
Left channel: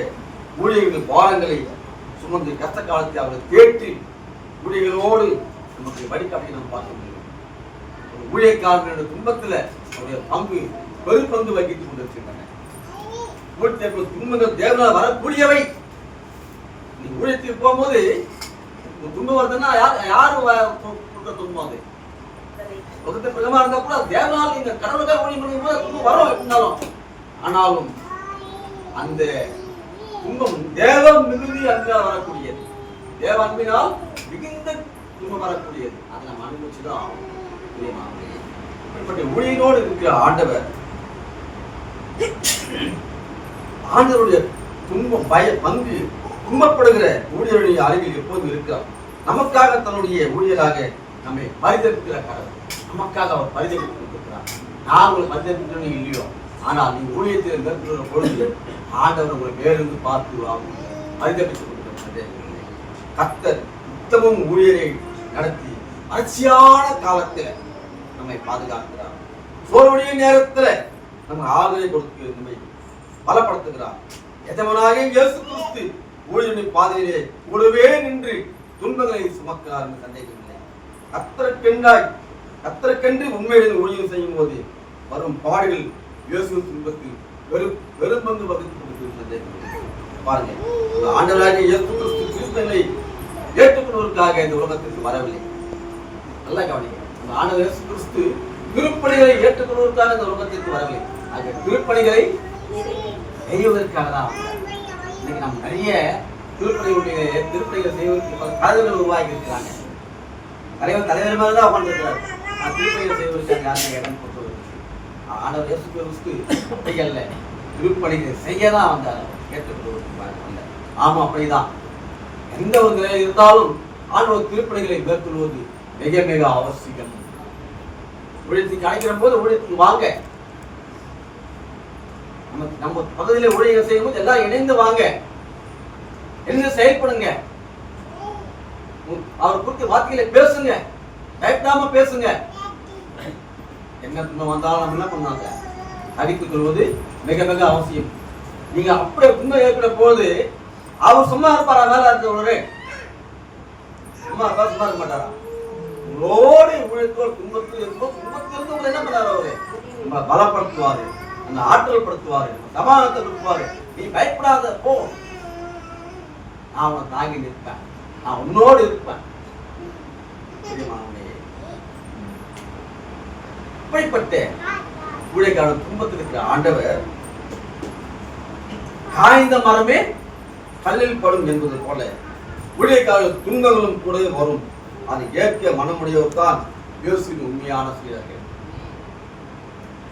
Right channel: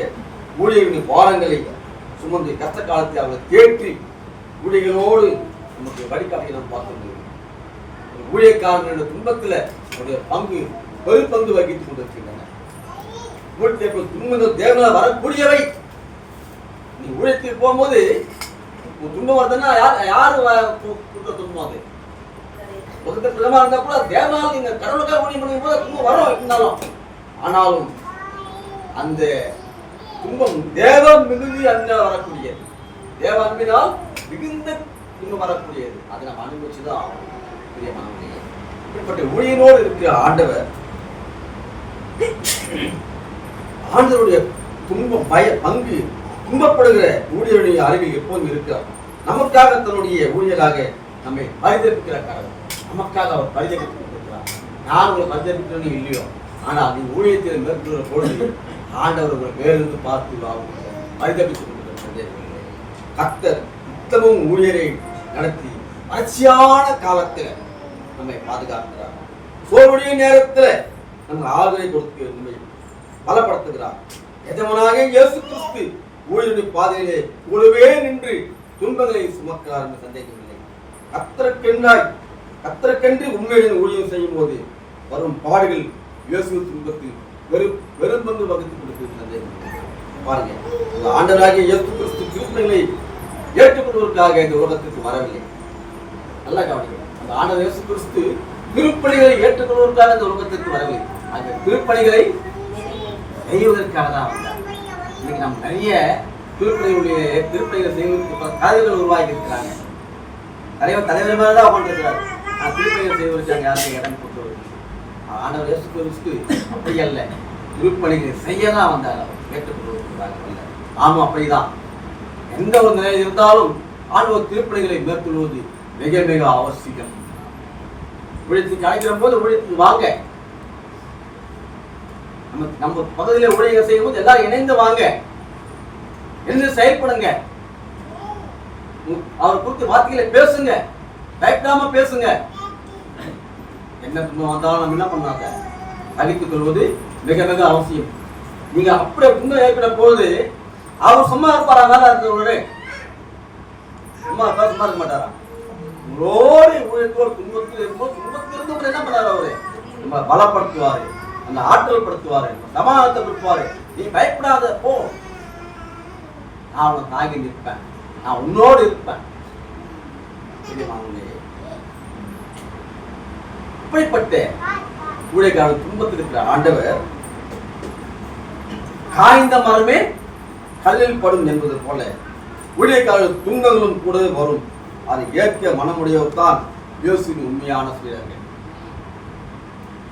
ஊழியர்களின் பாரங்களை சுமந்து கஷ்ட காலத்தை அவர்களை தேற்றி ஊழியர்களோடு நமக்கு வழிகாட்டி நாம் பார்க்க முடியும். ஊழியக்காரர்களுடைய துன்பத்தில் அவருடைய பங்கு பெருப்பங்கு வகித்துக் கொண்டிருக்கின்றன. துன்பங்கள் தேவனால் வரக்கூடியவை. நீ ஊழியத்துக்கு போகும்போது துன்பம் வருதுன்னா யாரு துன்பம்? அது உலகத்தை பிரதமா இருந்தா கூட தேவனால் நீங்க கடவுளுக்காக ஊழியம் பண்ணும் போது துன்பம் வரும் இருந்தாலும், ஆனாலும் அந்த துன்பம் தேவ மிகுதி அன்பால் வரக்கூடியது. தேவ அன்பினால் மிகுந்த துன்பம் வரக்கூடியது. அதை நம்ம அனுபவிச்சுதான் இப்படிப்பட்ட ஊழியனோடு இருக்கிற ஆண்டவர் ஆண்டவருடைய துன்பம் பய பங்கு துன்பப்படுகிற ஊழியருடைய அருகில் எப்போதும் இருக்கிறார். நமக்காக தன்னுடைய ஊழியராக நம்மை பரிதவிக்கிற கடவுள். நமக்காக அவர் பரிதவித்துக் கொண்டிருக்கிறார். நான் உங்களை பரிதவிக்கிறேன்னு இல்லையோ, ஆனால் நீங்க ஊழியத்தில் மேற்கொள்கிற பொழுது ஆண்டவர் உங்களை மேலிருந்து பார்த்து பரிதவித்துக் கொண்டிருக்கிறார். கர்த்தர் உத்தமும் ஊழியரை நடத்தி வறட்சியான காலத்தில் நம்மை பாதுகாக்கிறார். சோர்வுடைய நேரத்தில் நம்ம ஆதரவை கொடுத்து நம்மை பலப்படுத்துகிறார். எஜமானாகிய இயேசு கிறிஸ்து ஊழியருடைய பாதையிலே கூடவே நின்று துன்பங்களை சுமக்கிறார் என்று சந்தேகமில்லை. கர்த்தருக்கென்று உண்மையுடன் ஊழியம் செய்யும் போது வரும் பாடுகள் இயேசு துன்பத்தில் வெறும் பங்கு வகுத்து கொடுத்து பாருங்க. அந்த ஆண்டவராகிய இயேசு கிறிஸ்து கிறிஸ்தவர்களை ஏற்றுக்கொள்வதற்காக இந்த உலகத்திற்கு வரவில்லை. நல்லா கவனிங்க. அந்த ஆண்டவர் இயேசு கிறிஸ்து திருப்பணிகளை ஏற்றுக்கொள்வதற்காக இந்த உலகத்திற்கு வரவில்லை. அந்த திருப்பணிகளை செய்வதற்காக தான் வந்தார். இன்னைக்கு நம்ம நிறைய திருப்பணிகளை செய்வதற்கு கதைகள் உருவாக்கி இருக்கிறாங்க. நிறைய தலைவர் மேல தான் உட்காந்துருக்கிறார். நான் திருப்பணிகள் செய்வதற்காக யாருமே இடம் கொண்டு வருது. ஆண்டவர் இயேசு கிறிஸ்து அப்படி அல்ல, திருப்பணிகளை செய்ய தான் வந்தார், ஏற்றுக்கொள்வதற்காக இல்லை. ஆமா, அப்படிதான். எந்த ஒரு நிலை இருந்தாலும் ஆண்டவர் திருப்பணிகளை மேற்கொள்வது மிக மிக அவசியம். ஊழியத்துக்கு அழைக்கிற போது ஊழியத்துக்கு வாங்க. நம்ம பகுதியில் ஊழியர்கள் செய்யும் போது எல்லாரும் இணைந்து வாங்க, இணைந்து செயல்படுங்க. அவர் குறித்து வார்த்தைகளை பேசுங்க, பயப்படாம பேசுங்க. என்ன துன்பம் வந்தாலும் நம்ம என்ன பண்ணாங்க, சகித்துக் கொள்வது மிக மிக அவசியம். நீங்க அப்படியே துன்பம் ஏற்பட போது அவர் சும்மா இருப்பாரா? மேல இருக்கிறவரு சும்மா இருக்க மாட்டாரா? உங்களோடு ஊழியத்தோடு துன்பத்தில் இருக்கும்போது துன்பத்திலிருந்து உங்களை என்ன பண்ணாரு? அவரு நம்ம பலப்படுத்துவாரு, அந்த ஆற்றல் படுத்துவாரு, சமாதானத்தை கொடுப்பாரு. நீ பயப்படாத, போ, நான் உன்னை தாங்கி நிற்பேன், நான் உன்னோடு இருப்பேன். இப்படிப்பட்ட ஊழியக்கான துன்பத்தில் இருக்கிற ஆண்டவர் காய்ந்த மரமே கல்லில் படும் என்பது போல ஊழியக்கான துன்பங்களும் கூட வரும். அதை ஏற்க மனமுடையவர் தான் இயேசுவின் உண்மையான சீடர்கள்.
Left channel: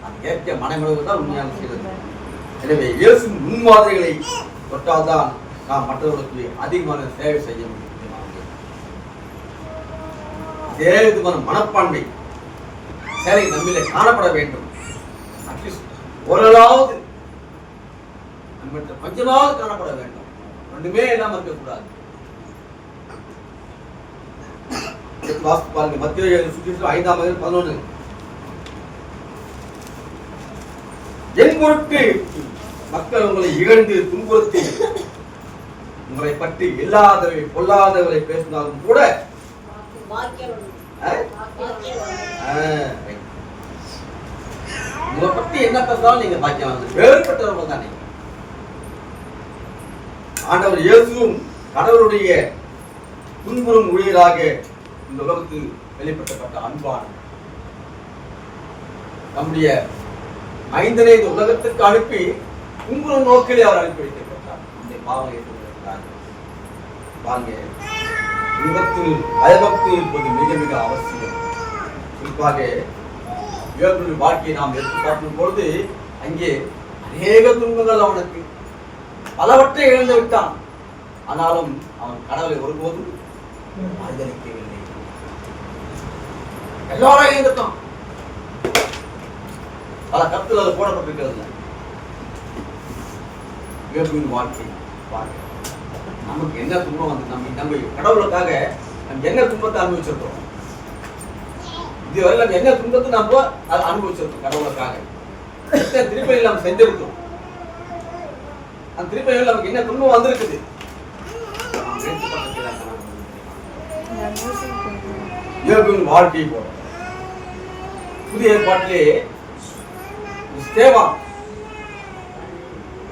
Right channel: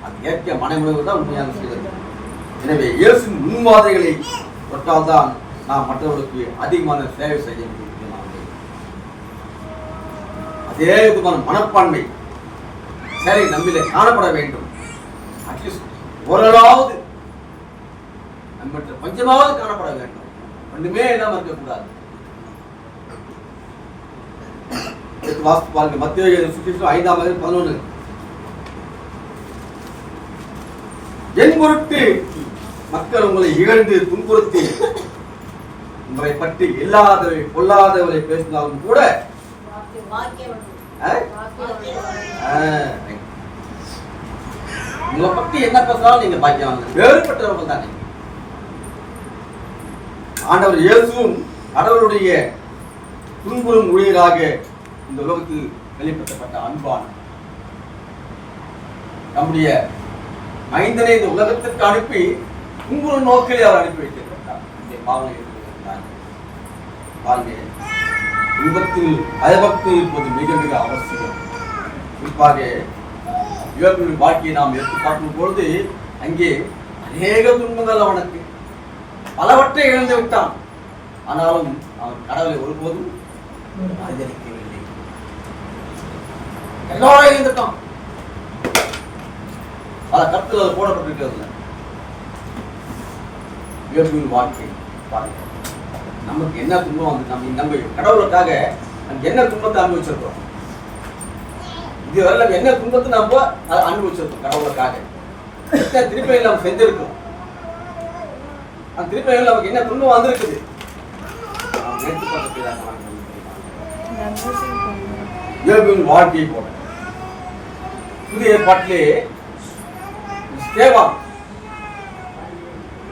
அது ஏற்க மனமுடையவர் தான் உண்மையான சீடர்கள். எனவே இயேசுவின் முன்மாதிரிகளை தொட்டால்தான் நாம் மற்றவர்களுக்கு அதிகமான சேவை செய்ய முடியும். அதே விதமான மனப்பான்மை சரி நம்மிலே காணப்பட வேண்டும். அட்லீஸ்ட் ஓரளவாவது நம்ம கொஞ்சமாவது காணப்பட வேண்டும். ஒன்றுமே இல்லாம இருக்கக்கூடாது. பாருங்க, மத்திய 5:11. என் பொருட்டு மக்கள் உங்களை இகழ்ந்து துன்புறுத்தி உங்களை பற்றி இல்லாதவரை பொல்லாதவரை பேசினாலும் கூட உங்களை பத்தி என்ன பேசினாலும் நீங்க பாக்கியவான்கள், வேறுபட்டவர்கள் தானே. ஆண்டவர் இயேசுவும் கடவுளுடைய துன்புறும் ஊழியராக இந்த உலகத்தில் வெளிப்படுத்தப்பட்ட அன்பான் நம்முடைய மைந்தனை இந்த உலகத்திற்கு அனுப்பி துன்புறும் நோக்கிலே அவர் அனுப்பி வைத்திருக்கிறார். இந்த பாவனை ஏற்றுக்கிறார். பாருங்க, விபத்தில் பயபக்தி இருப்பது மிக மிக அவசியம். குறிப்பாக இவர்களுடைய வாழ்க்கையை நாம் எடுத்து பார்க்கும் பொழுது அங்கே அநேக துன்பங்கள் அவனுக்கு பலவற்றை இழந்து விட்டான். ஆனாலும் அவன் கடவுளை ஒருபோதும் ஆதரிக்கவில்லை. எல்லாரும் இழந்துட்டான். பல கருத்துல அது போடப்பட்டிருக்கிறது. இயற்கையின் வாழ்க்கை பாருங்க, நமக்கு என்ன துன்பம் வந்து நம்ம கடவுளுக்காக நம்ம என்ன துன்பத்தை அனுபவிச்சிருக்கோம். இதுவரை நம்ம என்ன துன்பத்தை நம்ம அனுபவிச்சிருக்கோம் கடவுளுக்காக. திருப்பி நம்ம செஞ்சிருக்கோம். அந்த திருப்பி நமக்கு என்ன துன்பம் வந்திருக்குது. வாழ்க்கையை போட புதிய ஏற்பாட்டிலே ஸ்தேவான்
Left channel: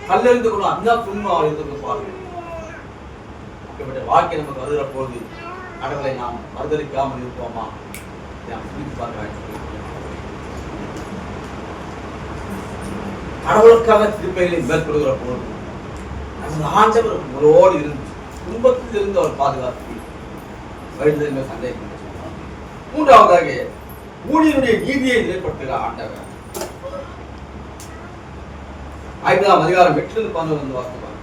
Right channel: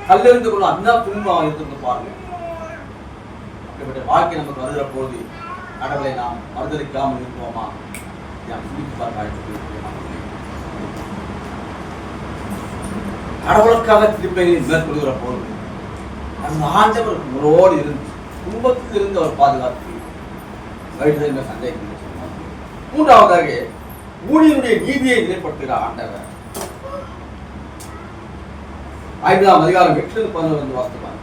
கல்லெறிந்து கொள்ள அண்ணா துன்பம் இருந்து பாருங்க. அப்படிப்பட்ட வாழ்க்கை நமக்கு வருகிற போது கடவுளை நாம் மறுதளிக்காமல் இருப்போமா? கடவுளுக்காக திருப்பைகளை மேற்கொள்கிற போது அந்த ஆண்டவர் உங்களோடு இருந்து துன்பத்திலிருந்து அவர் பாதுகாத்து வழிதல் சண்டை. மூன்றாவதாக ஊழியனுடைய நீதியை நிலைப்படுத்துகிற ஆண்டவர் 5ஆம் அதிகாரம் 8-11 வாசிப்பாங்க.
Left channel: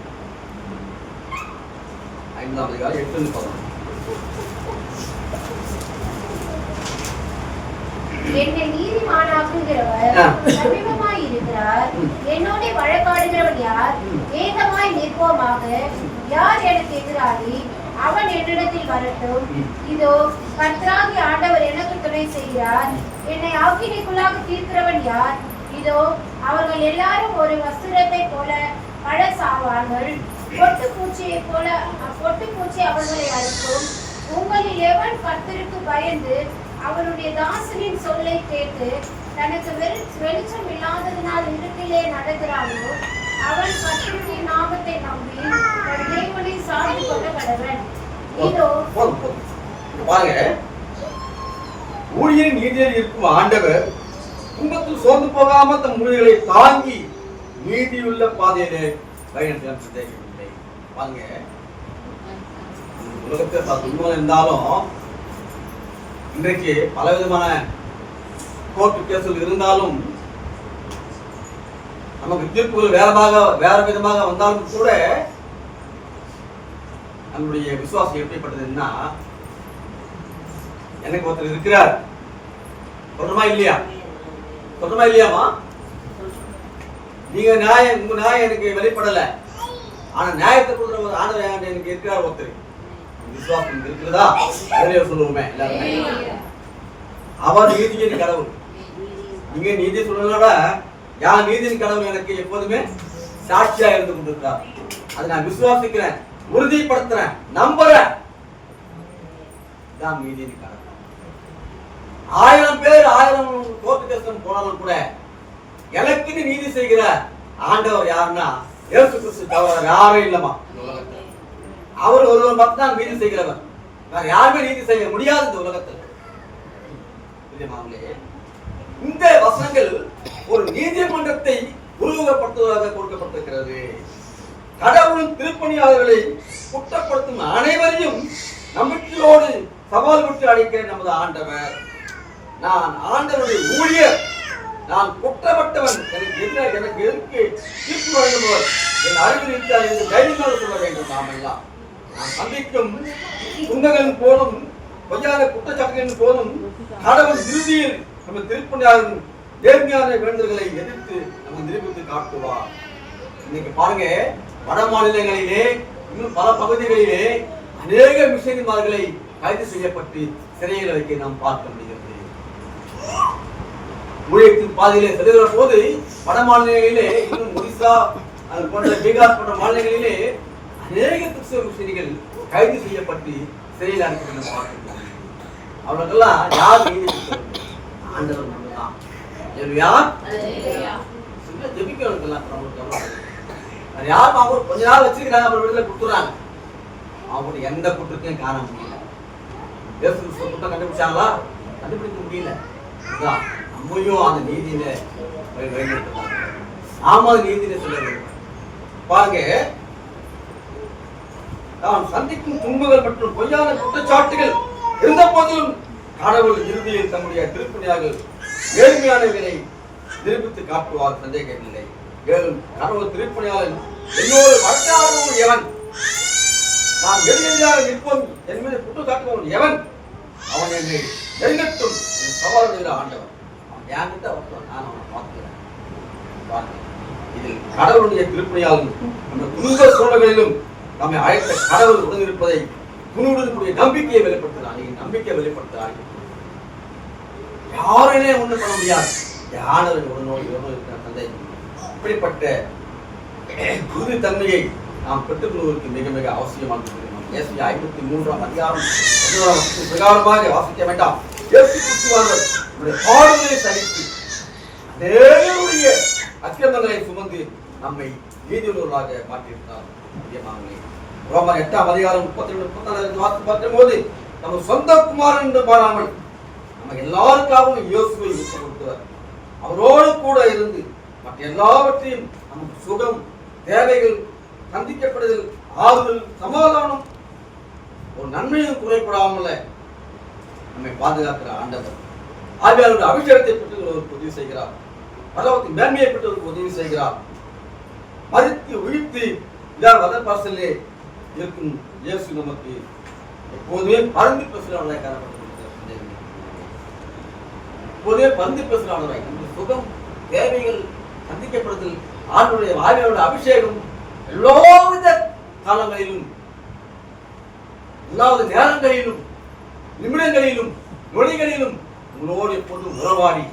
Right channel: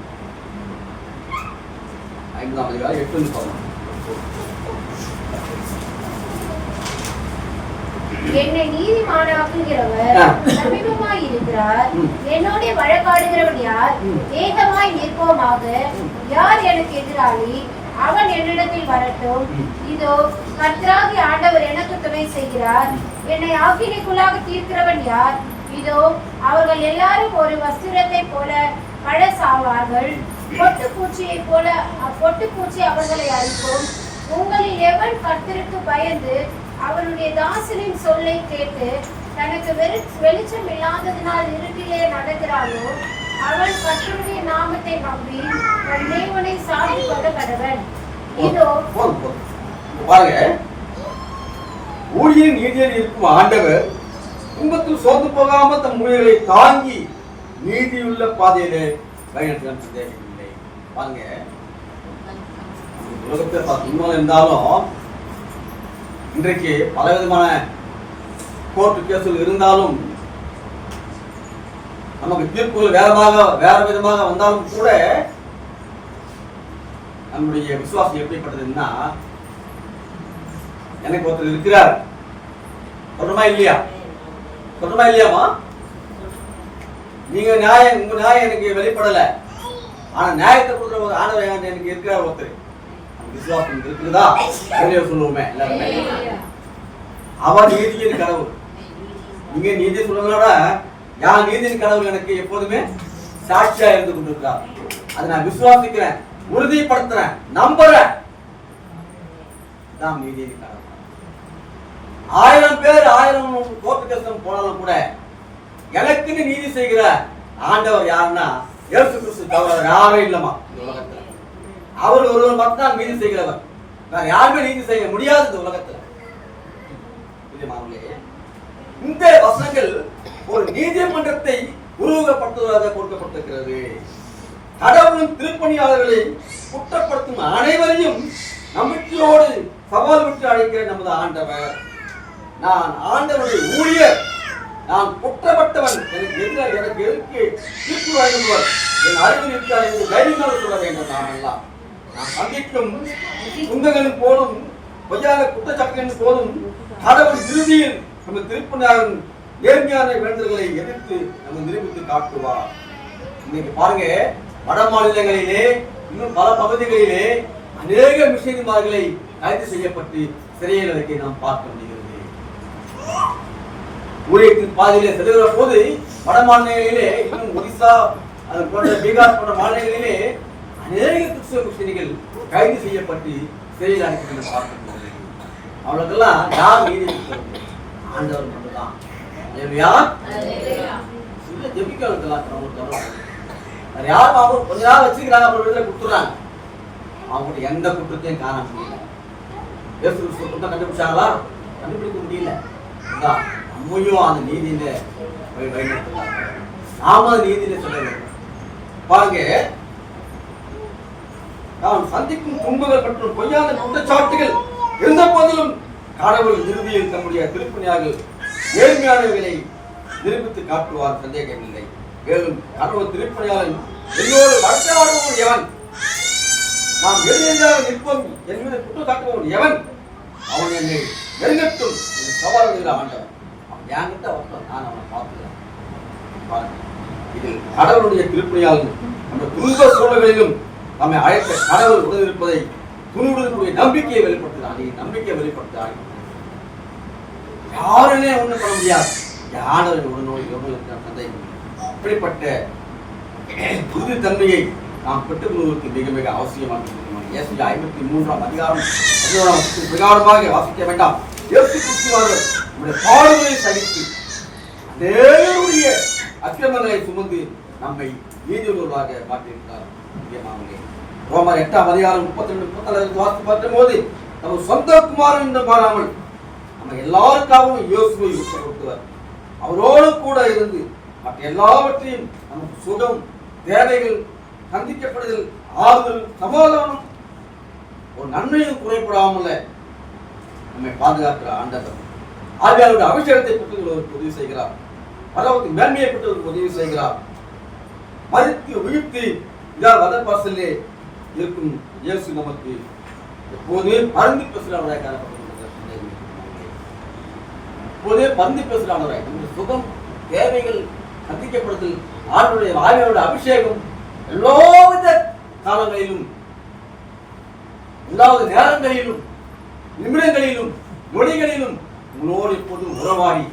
5ஆம் அதிகாரம் 8-11. என்னை நீதிமானாக்குகிறவர் சமீபமாய் இருக்கிறார். என்னோட வழக்காடுகிறவன் யார்? ஏகமாய் நிற்போமாக. யார் எனக்கு எதிராளி? அவன் என்னிடத்தில் வரட்டும். இதோ கர்த்தராகிய ஆண்டவர் எனக்கு துணை செய்கிறார். என்னை ஆக்கினைக்குள்ளாக தீர்க்கிறவன் யார்? இதோ அவர்கள் எல்லாரும் ஒரு வஸ்திரத்தை போல பழசாவார்கள். பொட்டுப்பூச்சி அவர்களை அழிக்கும். உங்களில் எவன் கர்த்தருக்கு பயந்து அவனுடைய தாசனின் சொல்லை கேட்டு தனக்கு வெளிச்சம் இல்லாததினால் இருட்டிலே நடக்கிறானோ அவன் கர்த்தருடைய நாமத்தை நம்பி தன் தேவனை சார்ந்து கொள்ள கடவன். இதோ பாருங்க, ஊழியரின் நீதியில் இருக்கும் ஆண்டவர் துன்பத்தில் சோர்ந்து போகாம தன் முடிவுகளை தாங்கி நீதியுள்ள பாதையிலே பயணத்தில் சந்தேகமில்லை. பாருங்க, உலகத்தில் துன்பம் இருந்தாலும் இன்றைக்கு பலவிதமான கோர்ட்டு கேசுகள் இருந்தாலும் நமக்கு தீர்ப்புகள் வேற விதமாக வந்தாலும் கூட நம்முடைய விசுவாசம் எப்படிப்பட்டதுன்னா, எனக்கு ஒருத்தர் இருக்கிறார் சொல்றமா இல்லையாமா? நீங்க நியாயம், உங்க நியாயம் எனக்கு வெளிப்படல, ஆனா நியாயத்தை கொடுக்குற ஒரு ஆண்டவர் எனக்கு இருக்கிறார் ஒருத்தர். விசுவாசம் இருக்குதா? சொல்லுவோமே எல்லாருமே, அவர் நீதியின் கடவுள். நீங்க நீதி சொல்லலோட யார் நீதியின் கடவுள் எனக்கு எப்போதுமே சாட்சியா இருந்து கொண்டிருக்கிறார். அதை நான் விசுவாசிக்கிறேன், உறுதிப்படுத்துறேன், நம்புறேன். தான் நீதியின் கடவுள். 1000 பேர் 1000 கோர்ட்டு கேஸ் போனாலும் கூட எனக்கு நீதி செய்கிற ஆண்டவர் யாருன்னா இயேசு கிறிஸ்து தவிர யாரும் இல்லமா உலகத்துல. அவர் ஒருவர் மட்டும்தான் நீதி செய்கிறவர், வேற யாருமே நீதி செய்ய முடியாது இந்த உலகத்துல. இந்த வசனங்கள் ஒரு நீதிமன்றத்தை உருவகப்படுத்துவதாக கொடுக்கப்பட்டிருக்கிறது. கடவுளின் திருப்பணியாளர்களை குற்றப்படுத்தும் அனைவரையும் நம்பிக்கையோடு சவால் விட்டு அழைக்கிற நமது ஆண்டவர். நான் ஆண்டவருடைய ஊழியர், நான் குற்றப்பட்டவன், எனக்கு எதிர்க்கு தீர்ப்பு வழங்குபவர், என் அருகில் இருக்கிறார் என்று தைரியமாக சொல்ல வேண்டும். நாம் எல்லாம் நாம் சந்திக்கும் துன்பங்களின் போதும் பொய்யான குற்றச்சாட்டுகளின் போதும் கடவுள் இறுதியில் நம்ம திருப்பணியாளரின் நேர்மையான வேண்டுதல்களை எதிர்த்து நம்ம நிரூபித்து காட்டுவார். இன்னைக்கு பாருங்க, வட மாநிலங்களிலே இன்னும் பல பகுதிகளிலே அநேக மிஷனரிமார்களை கைது செய்யப்பட்டு சிறையில் வைக்க நாம் பார்க்க முடிகிறது. ஊழியத்தின் பாதையிலே செல்கிற போது வட மாநிலங்களிலே, இன்னும் ஒடிசா அது போன்ற பீகார் போன்ற மாநிலங்களிலே அநேக கிறிஸ்தவ மிஷனரிகள் கைது செய்யப்பட்டு சிறையில் அனுப்பி பார்க்க முடியும். அவர்களுக்கெல்லாம் யார் நீதி? ஆண்டவர் மட்டும்தான். யாரும் அவங்க கொஞ்ச நாள் வச்சிருக்கிறாங்க, அப்புறம் விடுதலை கொடுத்துறாங்க. அவங்க எந்த குற்றத்தையும் காண முடியல. குற்றம் கண்டுபிடிச்சாங்களா? கண்டுபிடிக்க முடியல. நம்மையும் அந்த நீதியில வழிநடத்தலாம். நாம நீதியில சொல்ல வேண்டும். பாருங்க, நாம் சந்திக்கும் துன்பங்கள் மற்றும் பொய்யான குற்றச்சாட்டுகள் இருந்த போதிலும் கடவுள் இறுதியில் தம்முடைய திருப்பணியாளர்கள் நேர்மையானவர்களை நிரூபித்து காட்டுவார், சந்தேகமில்லை. மேலும் கடவுள் திருப்பணியாளன் என்னோடு வழக்காடுவோம் எவன், நாம் எதிராக நிற்போம் என் மீது குற்றம் சாட்டுவோம் எவன், அவன் என்னை நெருங்கட்டும் சவால் விடுகிற ஆண்டவன். அவன் என்கிட்ட ஒருத்தன், நான் அவனை பார்க்கிறேன். இதில் கடவுளுடைய திருப்பணியாளன் அந்த துன்ப சூழல்களிலும் நம்மை அழைத்த கடவுள் உடன் இருப்பதை துணிவுடைய நம்பிக்கையை வெளிப்படுத்துகிறார். நம்பிக்கை வெளிப்படுத்துகிறார். யாருமே ஒண்ணு பண்ண முடியாது. யாரும் உடனோடு சந்தேகம். இப்படிப்பட்ட உறுதி தன்மையை நாம் பெற்றுக்கொள்வதற்கு மிக மிக அவசியமானது. 53ஆம் அதிகாரம் 11 பிரகாரமாக வாசிக்க வேண்டாம். இயேசு கிறிஸ்துவானவர் நம்முடைய பாடுகளை சகித்து தேவனுடைய அக்கிரமங்களை சுமந்து நம்மை நீதியுள்ளவர்களாக மாற்றியிருக்கிறார். முக்கியமானவர்களே, ரோமர் 8ஆம் அதிகாரம் 32-34 வாசித்து பார்க்கும்போது நம்ம சொந்த குமாரன் என்று மாறாமல் நம்ம எல்லாருக்காகவும் இயேசுவை விட்டு கொடுத்தவர். அவரோடு கூட இருந்து மற்ற எல்லாவற்றையும் நமக்கு சுகம், தேவைகள், சந்திக்கப்படுதல், ஆறுதல், சமாதானம், ஒரு நன்மையும் குறைபடாமல நம்மை பாதுகாக்கிற ஆண்டவர். ஆவியானவருடைய அபிஷேகத்தை பெற்றுவதற்கு உதவி செய்கிறார். பரலோகத்தின் மேன்மையை பெற்றுவதற்கு உதவி செய்கிறார். மரித்து உயிர்த்து வதப்பாசலே இருக்கும் இயேசு நமக்கு எப்போதுமே பறந்து பேசுகிறவராய் காணப்பட்டிருக்கிறார். எப்போதே பறந்து பேசுகிறவராய் நம்முடைய சுகம், தேவைகள், சந்திக்கப்படுதல், ஆவியானவருடைய அபிஷேகம் எல்லாவித காலங்களிலும், எல்லா நேரங்களிலும், நிமிடங்களிலும், நொடிகளிலும் உங்களோடு எப்போதும் உறவாடி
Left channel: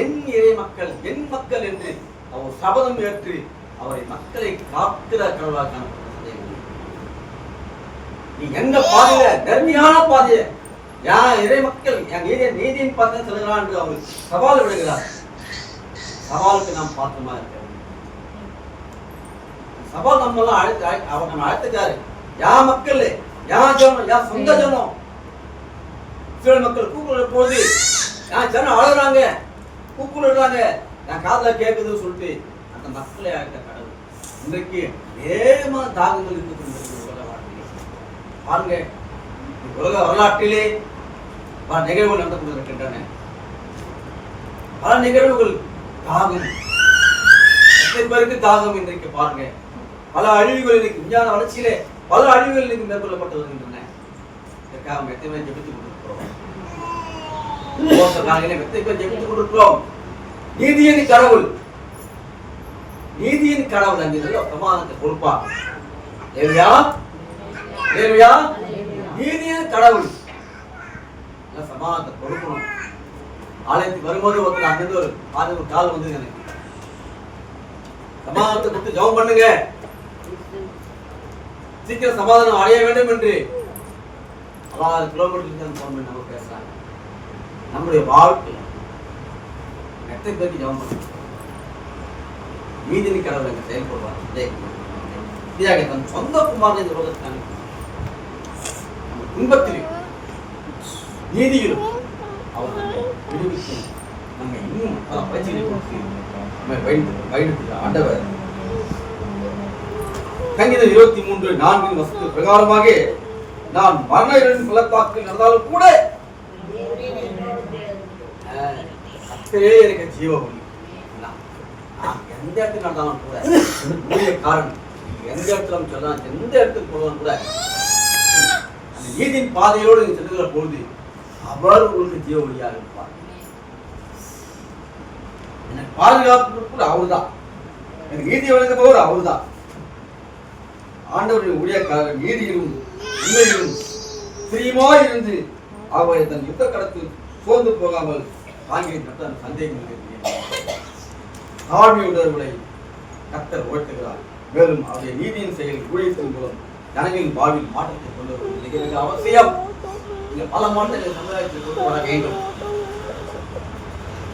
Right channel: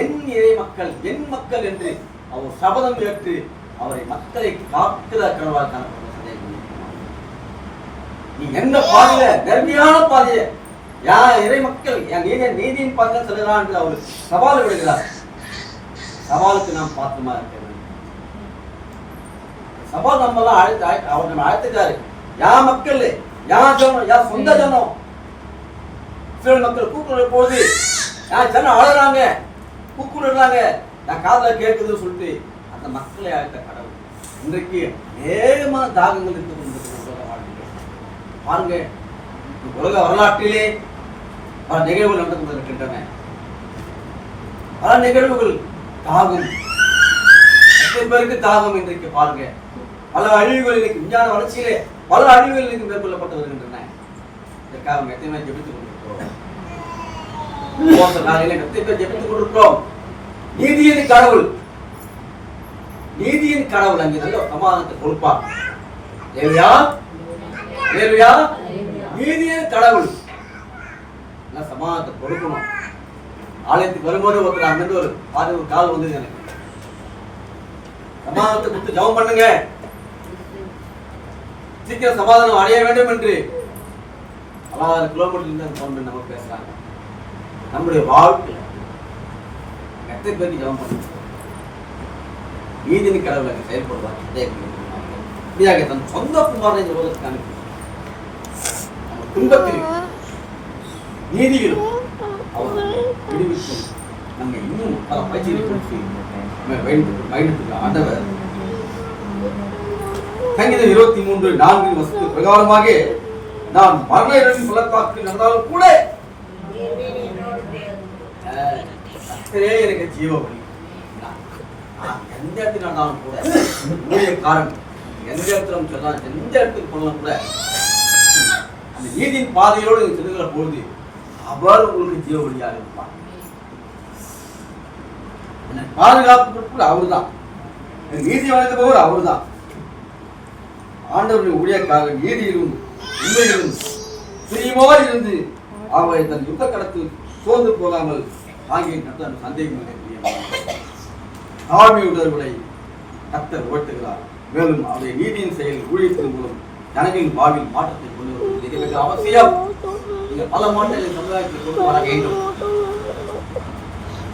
என் இறை மக்கள், என் மக்கள் என்று அவர் சபதம் ஏற்று அவரை மக்களை காக்கிற கடவுளாக காணப்பட்ட நீ எந்த பாதையில நேர்மையான பாதைய இறை மக்கள் என் நீதியின் பாதையில் செல்கிறான் என்று அவர் சவால் விடுகிறார். சவாலுக்கு நாம் பாத்திரமா இருக்க வேண்டும். சவால் நம்மெல்லாம் அவர் நம்ம அழைத்துட்டாரு. யார் மக்கள், யார் ஜனம், யார் சொந்த ஜனம். சில மக்கள் கூக்குரல் போது யார் ஜனம் அழறாங்க, கூக்குறாங்க, நான் காதல கேட்குதுன்னு சொல்லிட்டு அந்த மக்களை அழைத்த கடவுள் இன்றைக்கு ஏகமான தாகங்கள் இருக்குது உலக வாழ்க்கையிலே. பாருங்க, உலக வரலாற்றிலே பல நிகழ்வுகள் நடந்து கொண்டிருக்கின்றன. பல நிகழ்வுகள் தாகம், எத்தனை பேருக்கு தாகம் இன்றைக்கு பாருங்க. பல அழிவுகள் இன்னைக்கு விஞ்ஞான வளர்ச்சியிலே பல அழிவுகள் இன்னைக்கு மேற்கொள்ளப்பட்டு வருகின்றன. இதற்காக அவங்க எத்தனை பேர் ஜெபித்துக் கொண்டிருக்கிறோம். எத்தனை பேர் ஜெபித்துக் கொண்டிருக்கிறோம். நீதியின் கடவுள், நீதியின் கடவுள் அங்கே நல்ல சமாதானத்தை கொடுப்பார். தேவையா தேவையா நீதியின் கடவுள் நல்ல சமாதானத்தை கொடுக்கணும். ஆலயத்துக்கு வரும்போது ஒருத்தர் அங்கிருந்து ஒரு கால் வந்தது, எனக்கு சமாதானத்தை கொடுத்து ஜெபம் பண்ணுங்க, சீக்கிரம் சமாதானம் அடைய வேண்டும் என்று 6 கிலோமீட்டர் ஃபோன் பண்ணி நம்ம பேசுறாங்க. நம்முடைய வாழ்க்கை எத்தனை பேருக்கு ஜெபம் பண்ணுங்க. நீதியின் கடவுளை செயல்படுவார். தன் சொந்த குமாரனை சொல்வதற்கான நம்ம துன்பத்திலும் நீதியிலும் அவர் விடுவித்து நம்மை இன்னும் பல பயிற்சிகளை கொடுத்து நம்மை பயணித்துள்ள ஆண்டவர். சங்கீதம் 23:4 வசனத்தின் பிரகாரமாக நான் மரண இருளின் பள்ளத்தாக்கில் நடந்தாலும் கூட கர்த்தரே எனக்கு ஜீவ வழி. நான் எந்த இடத்துக்கு நடந்தாலும் கூட உடைய காரணம் எந்த இடத்துல சொல்லலாம், எந்த இடத்துக்கு போனாலும் கூட அந்த நீதியின் பாதையோடு செல்லுகிற பொழுது அவர் உங்களுக்கு ஜீவ வழியாக இருப்பார். எனக்கு பாதுகாப்பு கூட அவரு தான், எனக்கு நீதி வழங்குபவர் அவரு தான். ஆண்டவரின் ஊழியக்காக நீதியிலும் உண்மையிலும் பிரியமாய் இருந்து அவரை தன் யுத்த கடத்தில் சோர்ந்து போகாமல் ஆகிய சந்தேகம் தாழ்மையுடர்களை கர்த்தர் உயர்த்துகிறார். மேலும் அவருடைய நீதியின் செயல் ஊழியத்தின் மூலம் ஜனங்களின் வாழ்வில் மாற்றத்தை கொண்டு வருவது மிக மிக அவசியம். பல மாற்றங்களை சமுதாயத்தில் கொண்டு வர வேண்டும்.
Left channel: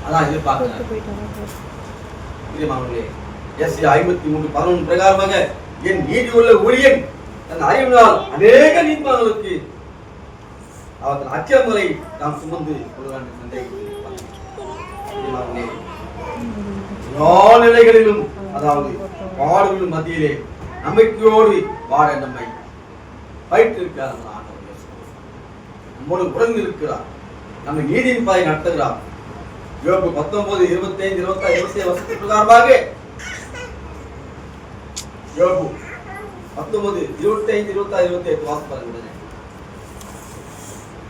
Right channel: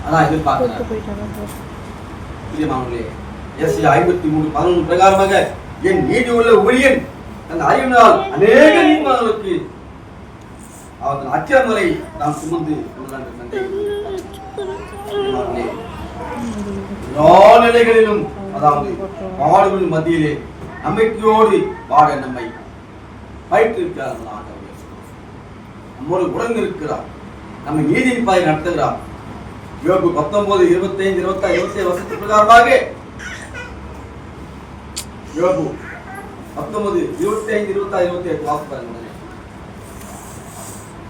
அதான் எதிர்பார்க்கிறார். ஏசாயா 53:11 பிரகாரமாக என் நீதி உள்ள ஊழியன் தன் அறிவினால் அநேக நீதிமான்களுக்கு அவர் தன் அச்சமுறை நாம் சுமந்து எல்லா நிலைகளிலும், அதாவது பாடுகளின் மத்தியிலே நம்பிக்கையோடு வாழ நம்மை பயிற்றுவிக்கிறார். நம்மோடு உடன் இருக்கிறார், நம்மை நீதியின் பாதை நடத்துகிறார். யோபு 19:25-26 வசனத்தின் பிரகாரமாக யோபு 19:25-26-28 வாசிப்பாருங்க.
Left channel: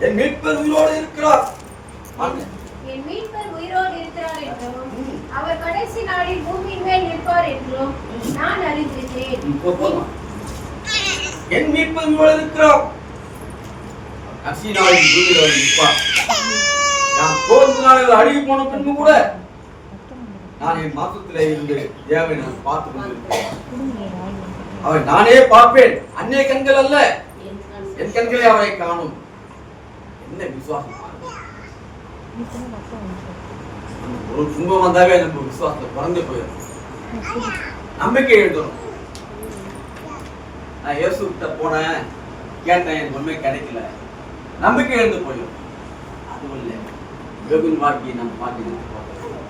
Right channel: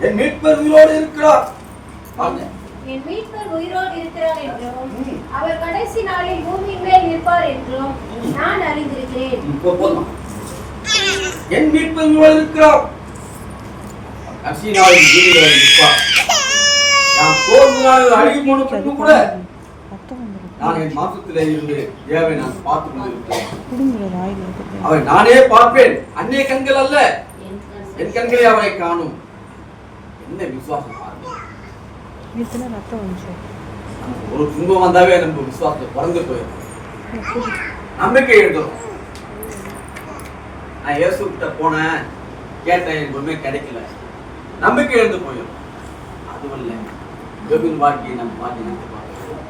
என் மீட்பர் உயிரோடு இருக்கிறார், என் மீட்பர் உயிரோடு இருக்கிறார் என்றும் அவர் கடைசி நாளில் பூமியின் மேல் நிற்பார் என்றும் நான் அறிந்திருக்கிறேன். என் மீட்பர் உயிரோடு இருக்கிறார், கடைசி நாளில் பூமியில் நிற்பார். நான் தோன்று நாளில் அழுகி போன பின்பு கூட நான் என் மாசத்திலே இருந்து தேவை நான் பார்த்து கொண்டிருக்கிறேன். அவரை நானே பார்ப்பேன், அந்நிய கண்கள் அல்ல, என் கண்களே அவரை காணும். என்ன விசுவாசம்! ஒரு துன்பம் வந்தாவே நம்ம விசுவாசத்தை குறைந்து போயிடும், நம்பிக்கை எழுதணும். நான் இயேசு கிட்ட போனேன், கேட்டேன், எனக்கு ஒன்றுமே கிடைக்கல, நம்பிக்கை எழுந்து போயிடும். அதுவும் இல்லை, யோபின் வாழ்க்கையை நம்ம பார்த்து நினைத்து பார்க்கிறோம்.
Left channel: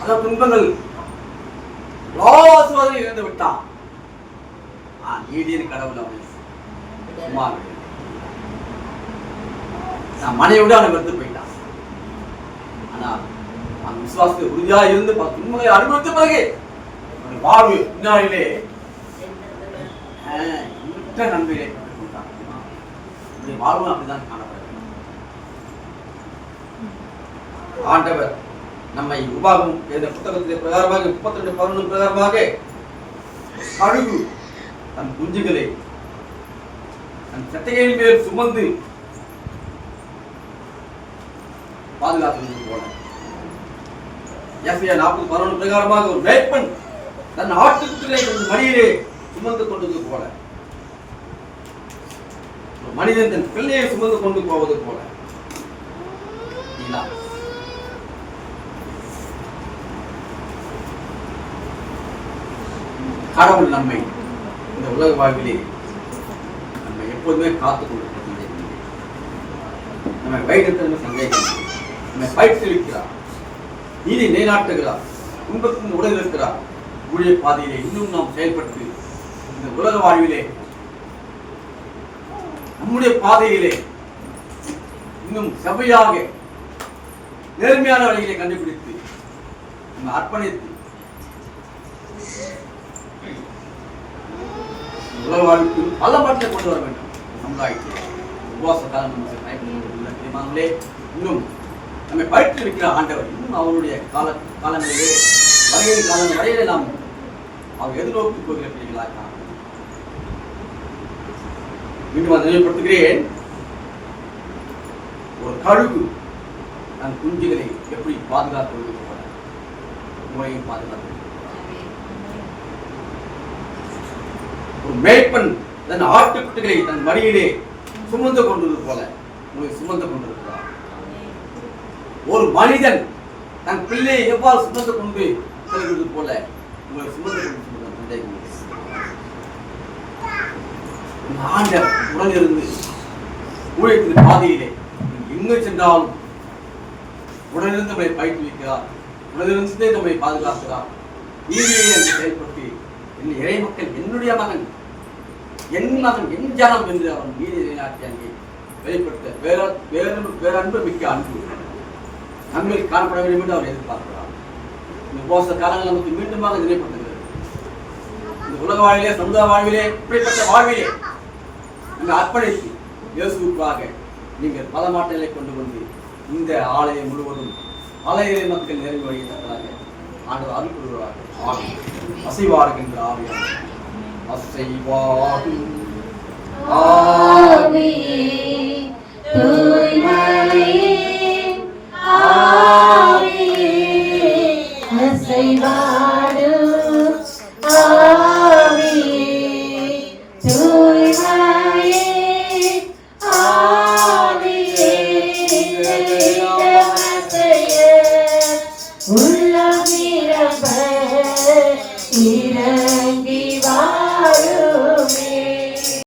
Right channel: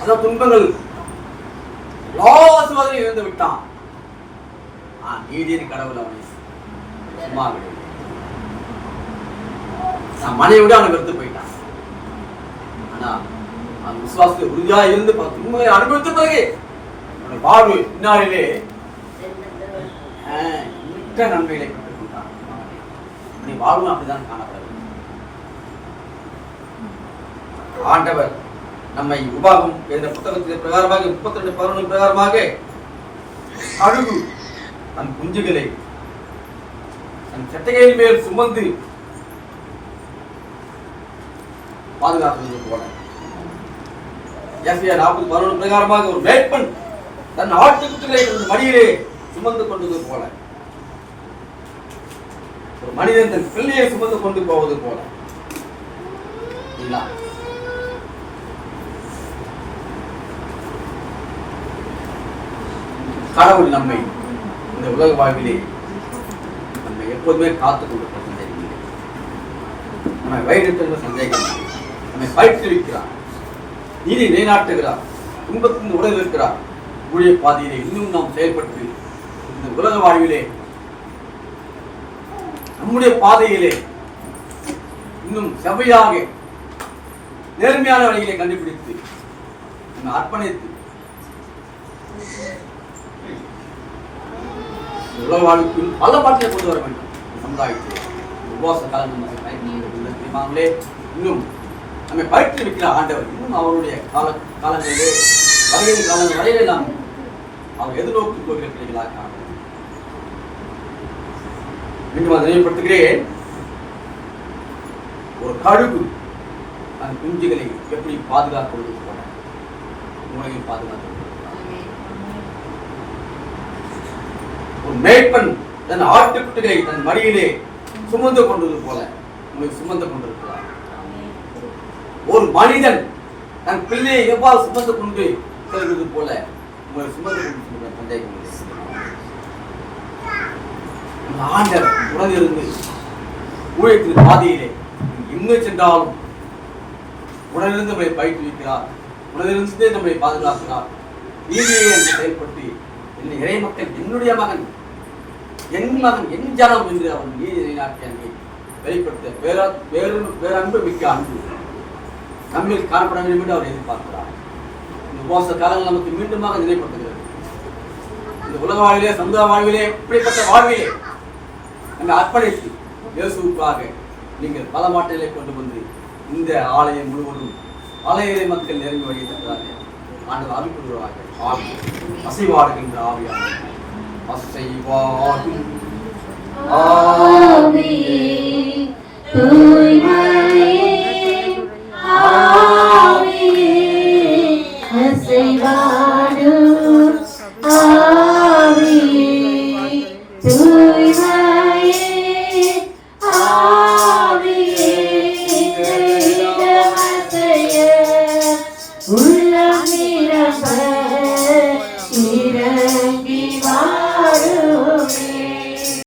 அதான் துன்பங்கள் ஆசீர்வாதம் இழந்து விட்டான். நீதியின் கடவுள் அவனை சும்மா விடு. மனைவியோட அவனை வெறுத்து போயிட்டான். ஆனா அவன் விசுவாசத்தை உறுதியா இருந்து துன்பங்களை அனுபவித்த பிறகு அவனுடைய வாழ்வு பின்னாளிலே நன்மைகளை பெற்றுக் கொண்டான். அவனுடைய வாழ்வு அப்படிதான் காணப்படுது. ஆண்டவர் நம்மை உபாகம் என்ற புத்தகத்தின் பிரகாரமாக 32:11 பிரகாரமாக அழுகு தன் குஞ்சுகளை தன் சட்டைகளின் மேல் சுமந்து பாதுகாத்து போல, ஏசாயா 40:11 பிரகாரமாக ஒரு மேய்ப்பன் தன் ஆட்டுக்குட்டிகளை தன் மடியிலே சுமந்து கொண்டது போல, ஒரு மனிதன் தன் பிள்ளையை சுமந்து கொண்டு போவது போல கடவுள் நம்மை இந்த உலக வாழ்விலே நம்மை எப்போதுமே காத்துக் கொண்டிருக்கிற சந்தேகம் இல்லை. நம்மை வழிநடத்துகிற சந்தேகம் இல்லை. நம்மை பயிற்றுவிக்கிறார், நீதி நிலைநாட்டுகிறார், துன்பத்தின் உடல் இருக்கிறார். ஊழிய பாதையிலே இன்னும் நாம் செயல்பட்டு இந்த உலக வாழ்விலே நம்முடைய பாதையிலே இன்னும் செவ்வையாக நேர்மையான வழிகளை கண்டுபிடித்து நம்ம அர்ப்பணித்து உலக வாழ்வுக்கு பல பாட்டிலை கொண்டு வர வேண்டும். சமுதாயத்தில் உபவாச காலங்களே இன்னும் நம்மை பயிற்றுவிக்கிற ஆண்டவர் இன்னும் அவருடைய காலங்களிலே வருகிற காலங்கள் வரையிலே நாம் அவர் எதிர்நோக்கி போகிற பிள்ளைகளாக மீண்டும் அதை நினைவுபடுத்துகிறேன். ஒரு கழுகு அந்த குஞ்சுகளை எப்படி பாதுகாத்து போல முறையும் பாதுகாத்து, ஒரு மேய்ப்பன் தன் ஆட்டுக்குட்டிகளை தன் மடியிலே சுமந்து கொண்டது போல உங்களை சுமந்து கொண்டிருக்கிறார். ஒரு மனிதன் தன் பிள்ளையை எவ்வாறு சுமந்து கொண்டு செல்வது போல உங்களை சுமந்து கொண்டு சந்தேகம் இல்லை. ஆண்டவர் உடனிருந்து ஊழியத்தின் பாதையிலே எங்கு சென்றாலும் உடனிருந்து நம்மை பயிற்றுவிக்கிறார், உடனிருந்து நம்மை பாதுகாக்கிறார். நீதியை என்று செயல்பட்டு என்ன இறை மக்கள் என்னுடைய மகன், என் மகன், என் ஜனம் என்று அவன் நீதி நிலைநாட்டி அங்கே வெளிப்படுத்த பேரன்பு மிக்க அன்பு நம்மில் காணப்பட வேண்டும் என்று அவர் எதிர்பார்க்கிறார். இந்த உபவாச காலங்கள் நமக்கு மீண்டுமாக நினைப்படுத்துகிறது. இந்த உலக வாழ்விலே, சமுதாய வாழ்விலே, இப்படிப்பட்ட வாழ்விலே நம்மை அர்ப்பணித்து இயேசுவுக்காக நீங்கள் பல மாற்றங்களை கொண்டு வந்து இந்த ஆலயம் முழுவதும் பல இறை மக்கள் நெருங்கி வழியத்தக்கதாக ஆண்டவர் அருள் புரிவார்கள். அசைவாடுகின்ற ஆவியாக அசைவாடும் ஆவியே